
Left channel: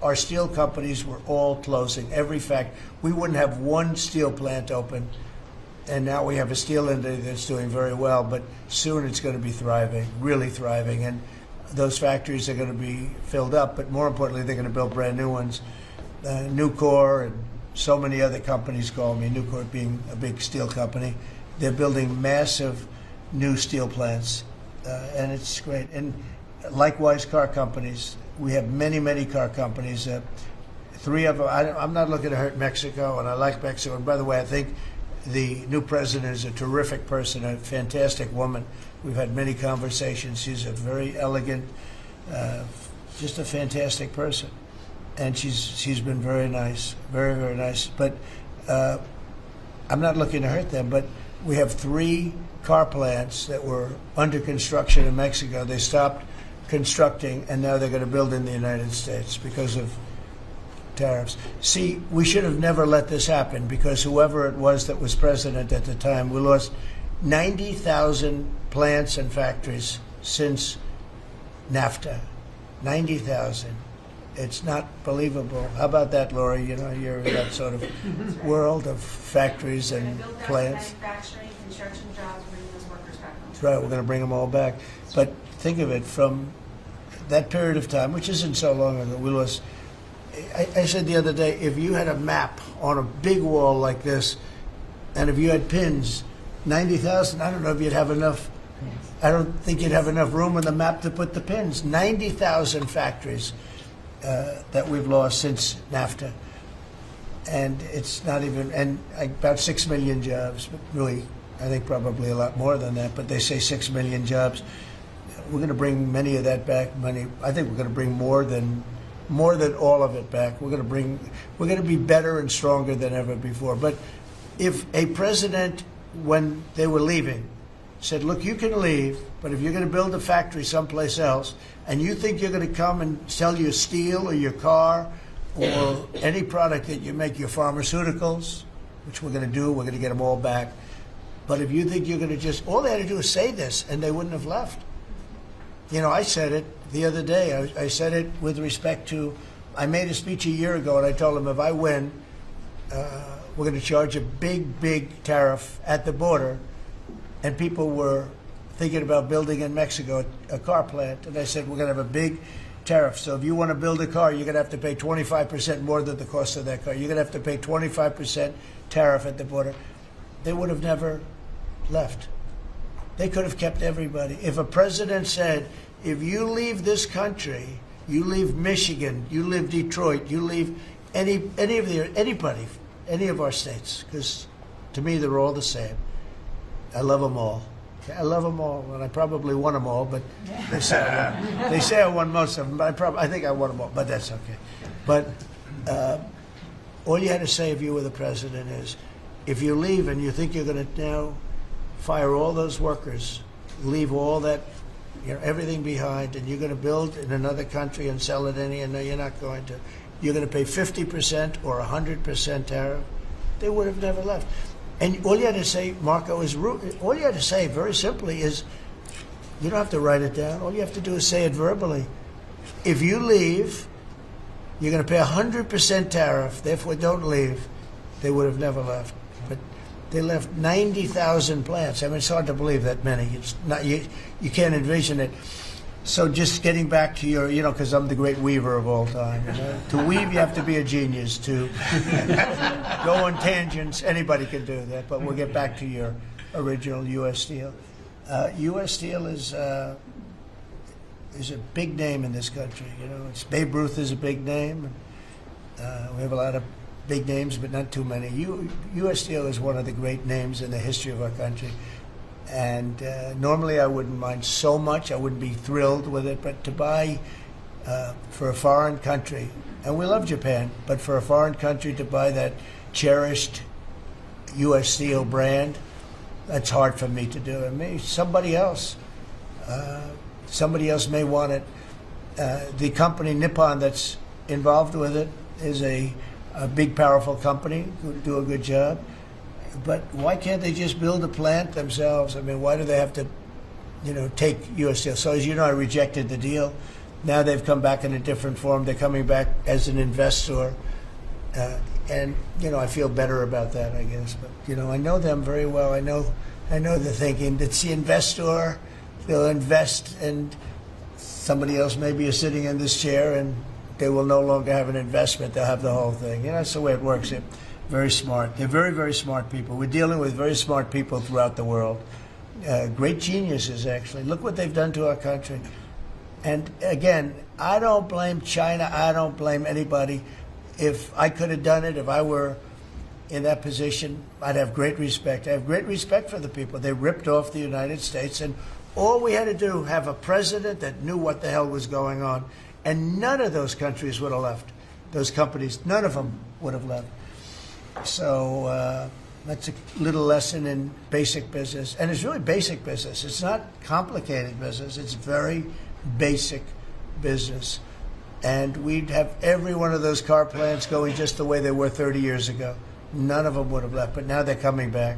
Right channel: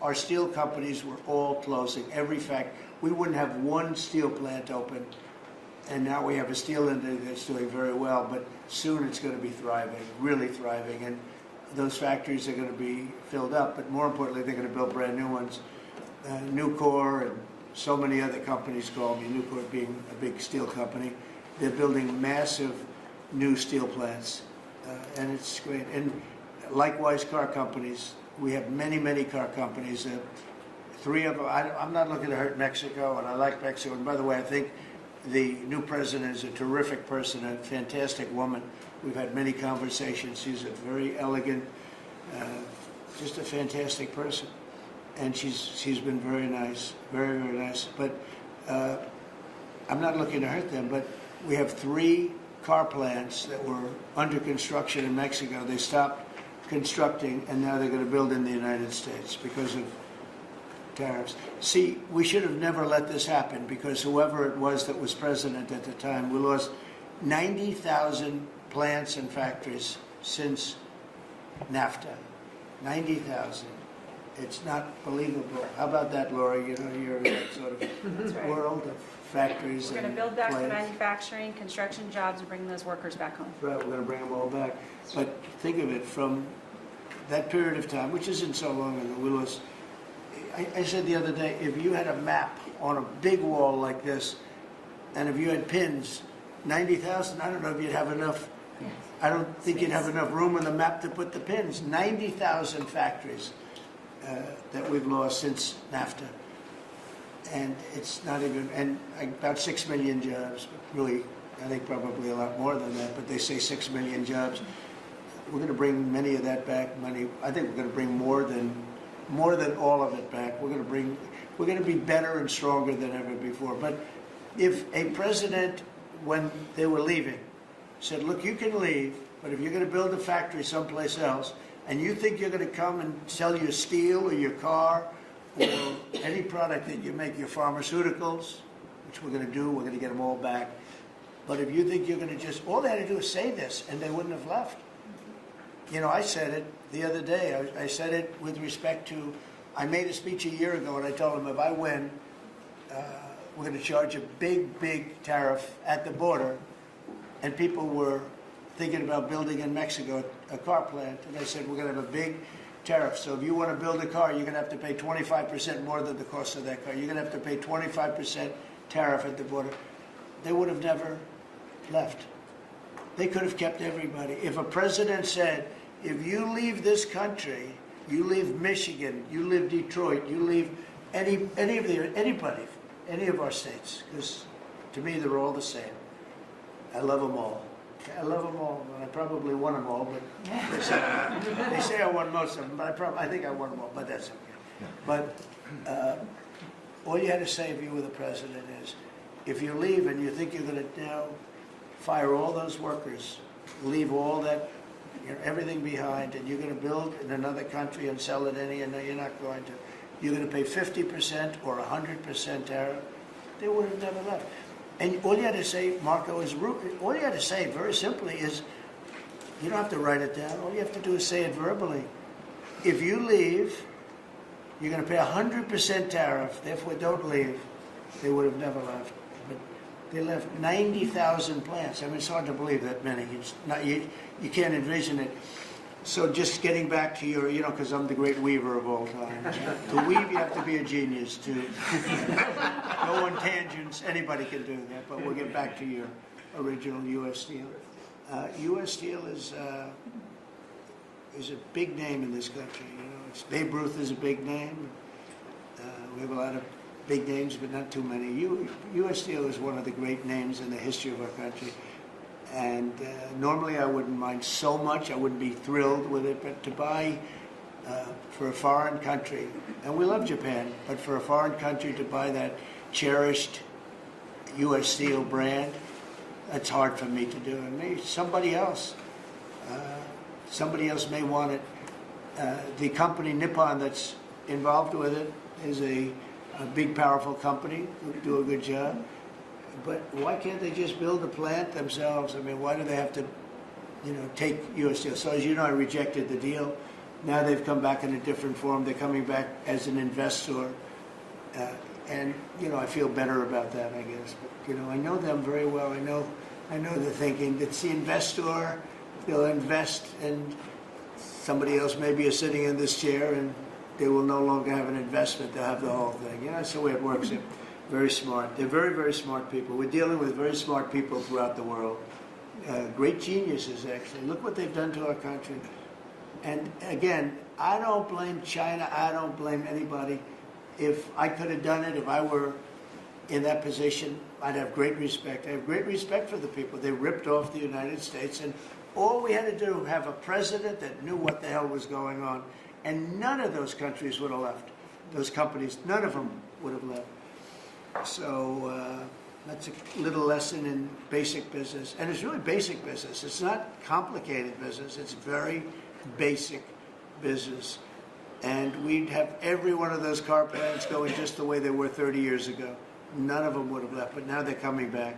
Our steel companies were all closing, every factory. We wouldn't have one steel plant open, and now we have a steel industry that's doing very well, but soon it's going to be thriving, really thriving, and those factories are going to be filled up, but more importantly, they're going to build brand new ones. Nucor and so many other companies call me, Nucor being a big steel company. They're building massive new steel plants, and it's great. And likewise, car companies. We have many, many car companies. 3 of them. I'm not looking to hurt Mexico, and I like Mexico. And by the way, I think the new president is a terrific person, a fantastic woman. We've had many conversations. She's a very elegant, just a fantastic person, and she's been very nice, very, very nice. But I'm not looking to hurt them. But we have 3 car plants that were under construction in Mexico. They stopped constructing, and now they're going to build in the United States because of tariffs. See, we should have never let this happen, because whoever it was that was president at the time, we lost 90,000 plants and factories since NAFTA. 90,000. It's not believable. How about that, Laura? You know, you're in that sort of world of factories We're and going to build back the plants. manufacturing, construction jobs, bring those workers back home. That's right, we're going to bring them all back. But think of it, from that period of time, which isn't so long ago, we lost. I said the other day, if you had a map on a big wall like this, and if you had pins, 90,000, I don't know if you'd have enough. I don't think you'd have enough room on the map to put the pins. 90,000 factories that we've lost since NAFTA. And it's not even, and about 6 million jobs, really, I think probably a lot more than that, but they say 6 million jobs. We're going to bring many of that back. I think we're going to bring more than all of it back. We're going to be better and stronger than ever before. But if a president, when they were leaving, said, look, you can leave, but if you're going to build a factory someplace else, and you think you're going to come and sell your steel or your car or any product that you make, your pharmaceuticals, which we're going to do, we're going to get them all back. But if you think you're going to just, all they had to do is say this, and they wouldn't have left. You know, I said it the other day. I said it with respect to, I made a speech a year ago, and I told them if I win, we're going to charge a big, big tariff at the border. And people were thinking about building in Mexico a car plant. And I said, we're going to have a big tariff. So if you want to build a car, you're going to have to pay 25% more than the cost of that car. You're going to have to pay 25% tariff at the border. They would have never left. They could have kept everybody. If a president said, if you leave this country, you leave Michigan, you leave Detroit, you leave anybody, any of our states, because to me they're all the same. I love them all. I love them all. Well, I probably won them all, but they say I won most of them. But I think I won them all, but that's okay. But all you had to say if you were the president is, if you leave and you think you're going to now fire all those workers, leave all that, everything behind, and you're going to build in another country and sell it any, and no, you're not going to. You're going to pay 50% or 100% tariff. They would have never left. And all you had to say, Marco, all you had to say very simply is, you don't have to write it down. All you have to do is say it verbally. If you leave, you're going to pay 100% tariff. Therefore, don't leave. They would have never left. But they left 90,000 plants. I mean, it's hard to believe that many. It's not, you can't envision it. So just getting back to your, because I'm the great weaver of all time. To weave, you have to be a genius. To go on tangents, anybody can do that. But we'll get back to your original U.S. Steel. U.S. Steel is a big name in this country. It's Babe Ruth is a big name. We have a lot of big names, but not too many. U.S. Steel is one of the great names in the history of our country. And normally I wouldn't mind so much, I wouldn't be thrilled with it, but to buy for a foreign country, and we love Japan, but for a foreign country to buy that cherished U.S. Steel brand, that's hard for me to do. And maybe somebody else may want it. The company Nippon that's involved with it is a big, powerful company who do a good job. But why can't they just build a plant themselves? I mean, why do they have to, take U.S. Steel? So as you know, I rejected the deal. Now they've come back in a different form. They're coming back as an investor. And, I feel better about that, I guess. But, I know them very well. I know the thinking. It's the investor. They'll invest, and somebody else maybe is sitting in this chair, and they will no longer have an investment. They'll have the whole thing. That's the way it works. Very smart. They're very, very smart people. We're dealing with very smart people throughout the world. great geniuses, actually. Look what they've done to our country. And again, I don't blame China. I don't blame anybody. If I could have done it, if I were in that position, I'd have great respect. I have great respect for the people. They ripped off the United States, and all we had to do, have a president that knew what the hell was going on, and none of those countries would have left. Those companies, none of them would have left. So that's a little lesson in basic business. And it's really basic business. It's not complicated business. It's very basic business. And we'd have every one of those car plants going just the way they were 30 years ago. None of them would have left, but now they're coming back.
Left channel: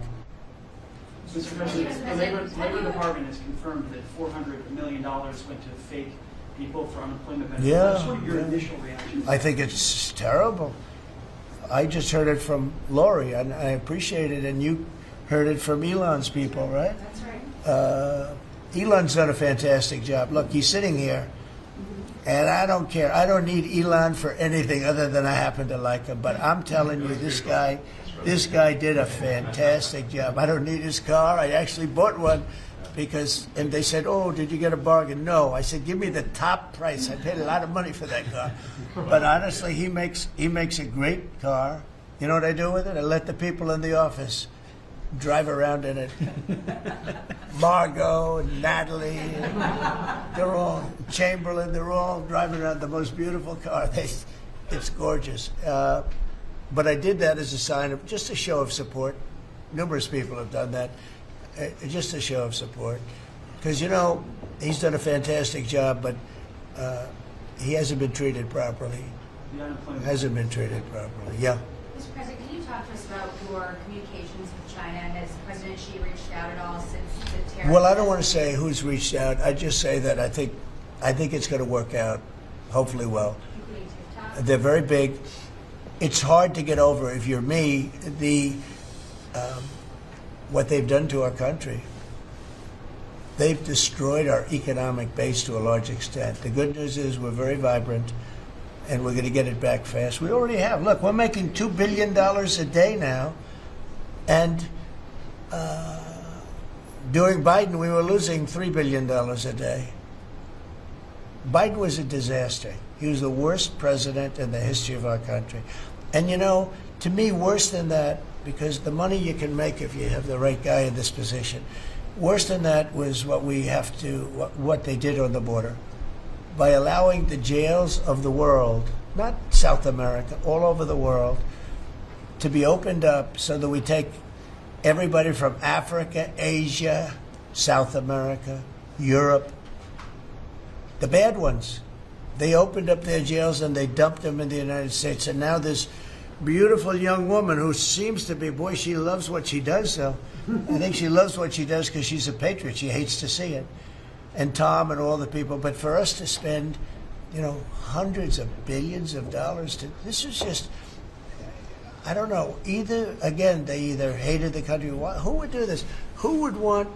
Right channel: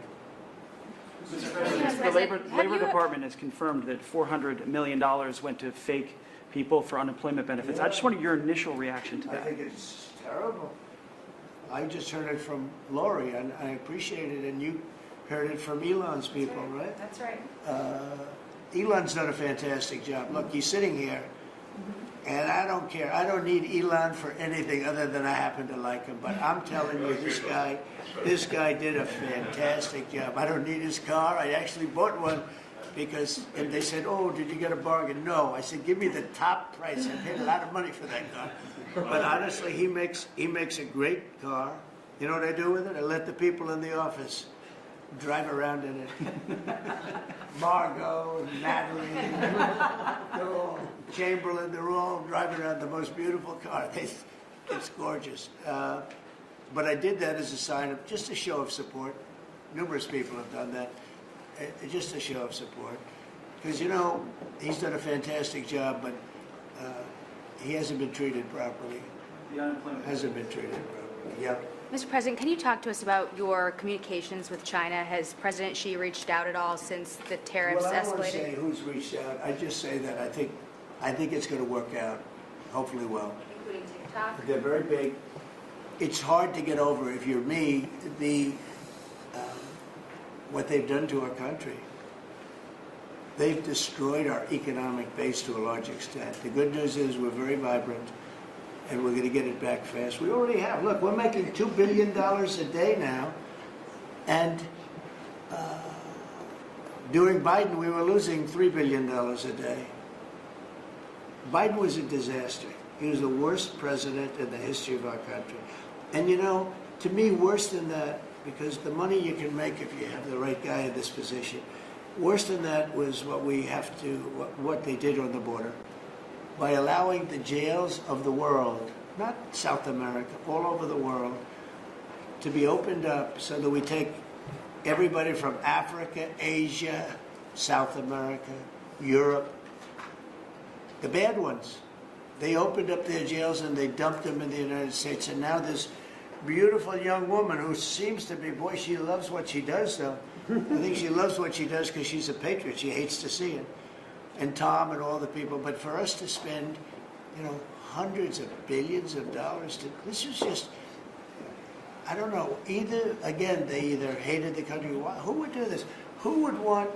Mr. President, the Labor Department has confirmed that $400 million went to fake people for unemployment benefits. I just wanted your initial reaction to that. I think it's terrible. I just heard it from Lori, and I appreciate it, and you heard it from Elon's people, right? That's right. Elon's done a fantastic job. Look, he's sitting here, and I don't care. I don't need Elon for anything other than I happen to like him. But I'm telling you, this guy did a fantastic job. I don't need his car. I actually bought one because, and they said, oh, did you get a bargain? No. I said, give me the top price. I paid a lot of money for that car. But honestly, he makes a great car. You know what I do with it? I let the people in the office drive around in it. Margot and Natalie, they're all, Chamberlain, they're all driving around the most beautiful car. It's gorgeous. But I did that as a sign of, just a show of support. Numerous people have done that. Just a show of support. Because, you know, he's done a fantastic job, but he hasn't been treated properly. The unemployment Hasn't been treated properly, yeah. Mr. President, can you talk to us about your communications with China? Has President Xi reached out at all since the tariffs? Well, I don't want to escalated? say who's reached out. I just say that I think it's going to work out, hopefully well. Including TikTok? They're very big. It's hard to get over, if you're me, what they've done to our country. They've destroyed our economic base to a large extent. The good news is we're very vibrant, and we're going to get it back fast. We already have. Look, we're making $2 billion a day now, and during Biden, we were losing $3 billion a day. Biden was a disaster. He was the worst president in the history of our country. And you know, to me, worse than that, because the money you can make if you have the right guy in this position, worse than that was what they did on the border. By allowing the jails of the world, not South America, all over the world, to be opened up so that we take everybody from Africa, Asia, South America, Europe, the bad ones. They opened up their jails and they dumped them in the United States. And now this beautiful young woman who seems to be, boy, she loves what she does, though. I think she loves what she does because she's a patriot. She hates to see it. And Tom and all the people. But for us to spend, you know, hundreds of billions of dollars this is just, I don't know, they either hated the country. Who would do this? Who would want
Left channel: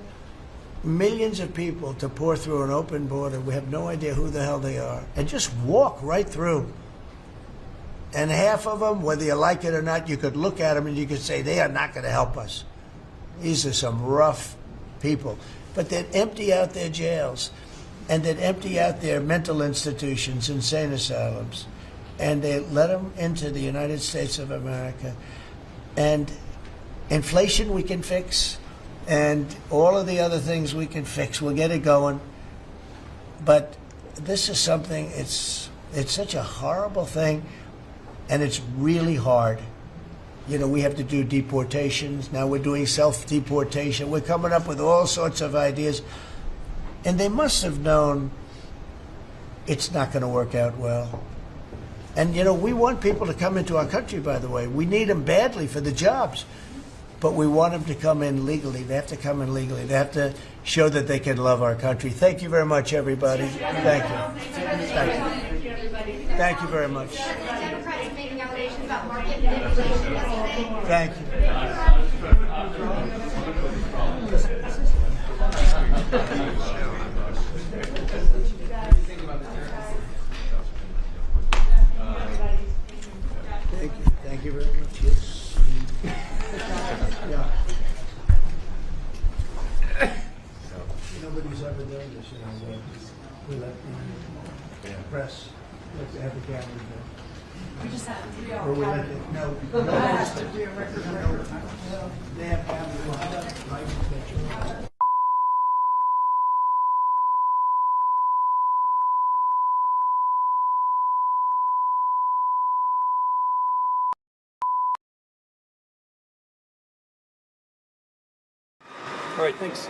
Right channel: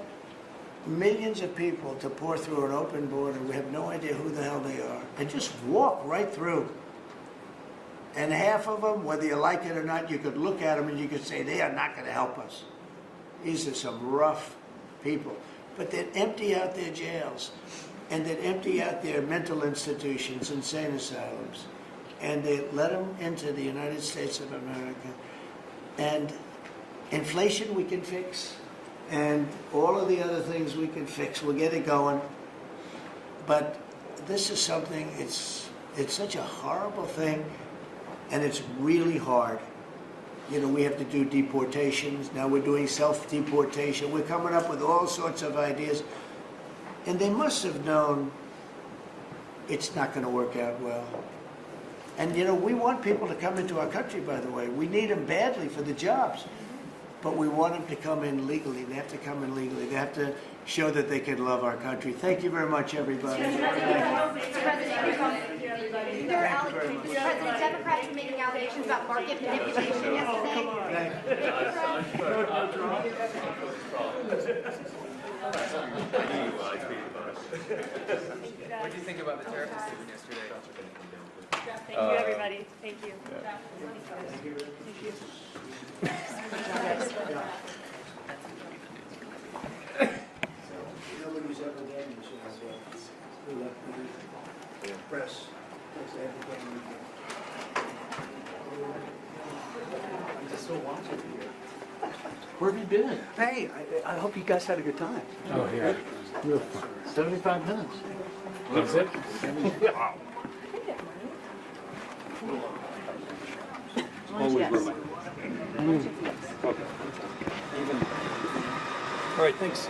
millions of people to pour through an open border? We have no idea who the hell they are. And just walk right through. And half of them, whether you like it or not, you could look at them and you could say, they are not going to help us. These are some rough people. But they'd empty out their jails, and they'd empty out their mental institutions, insane asylums, and they let them into the United States of America. And inflation we can fix, and all of the other things we can fix. We'll get it going. But this is something, it's such a horrible thing, and it's really hard. You know, we have to do deportations. Now we're doing self-deportation. We're coming up with all sorts of ideas. And they must have known it's not going to work out well. And, you know, we want people to come into our country, by the way. We need them badly for the jobs. But we want them to come in legally. They have to come in legally. They have to show that they can love our country. Thank you very much, everybody. Thank you. Thank you very much. President, Democrats are making allegations about market manipulation yesterday. Thank Thank you, everybody. Thank you. Thank you very much. propaganda, so we'll let the press, have the camera. Or we let it, no. Hey, I hope you guys had a good time. Oh, yeah. 75 minutes. That's it? All right, thanks.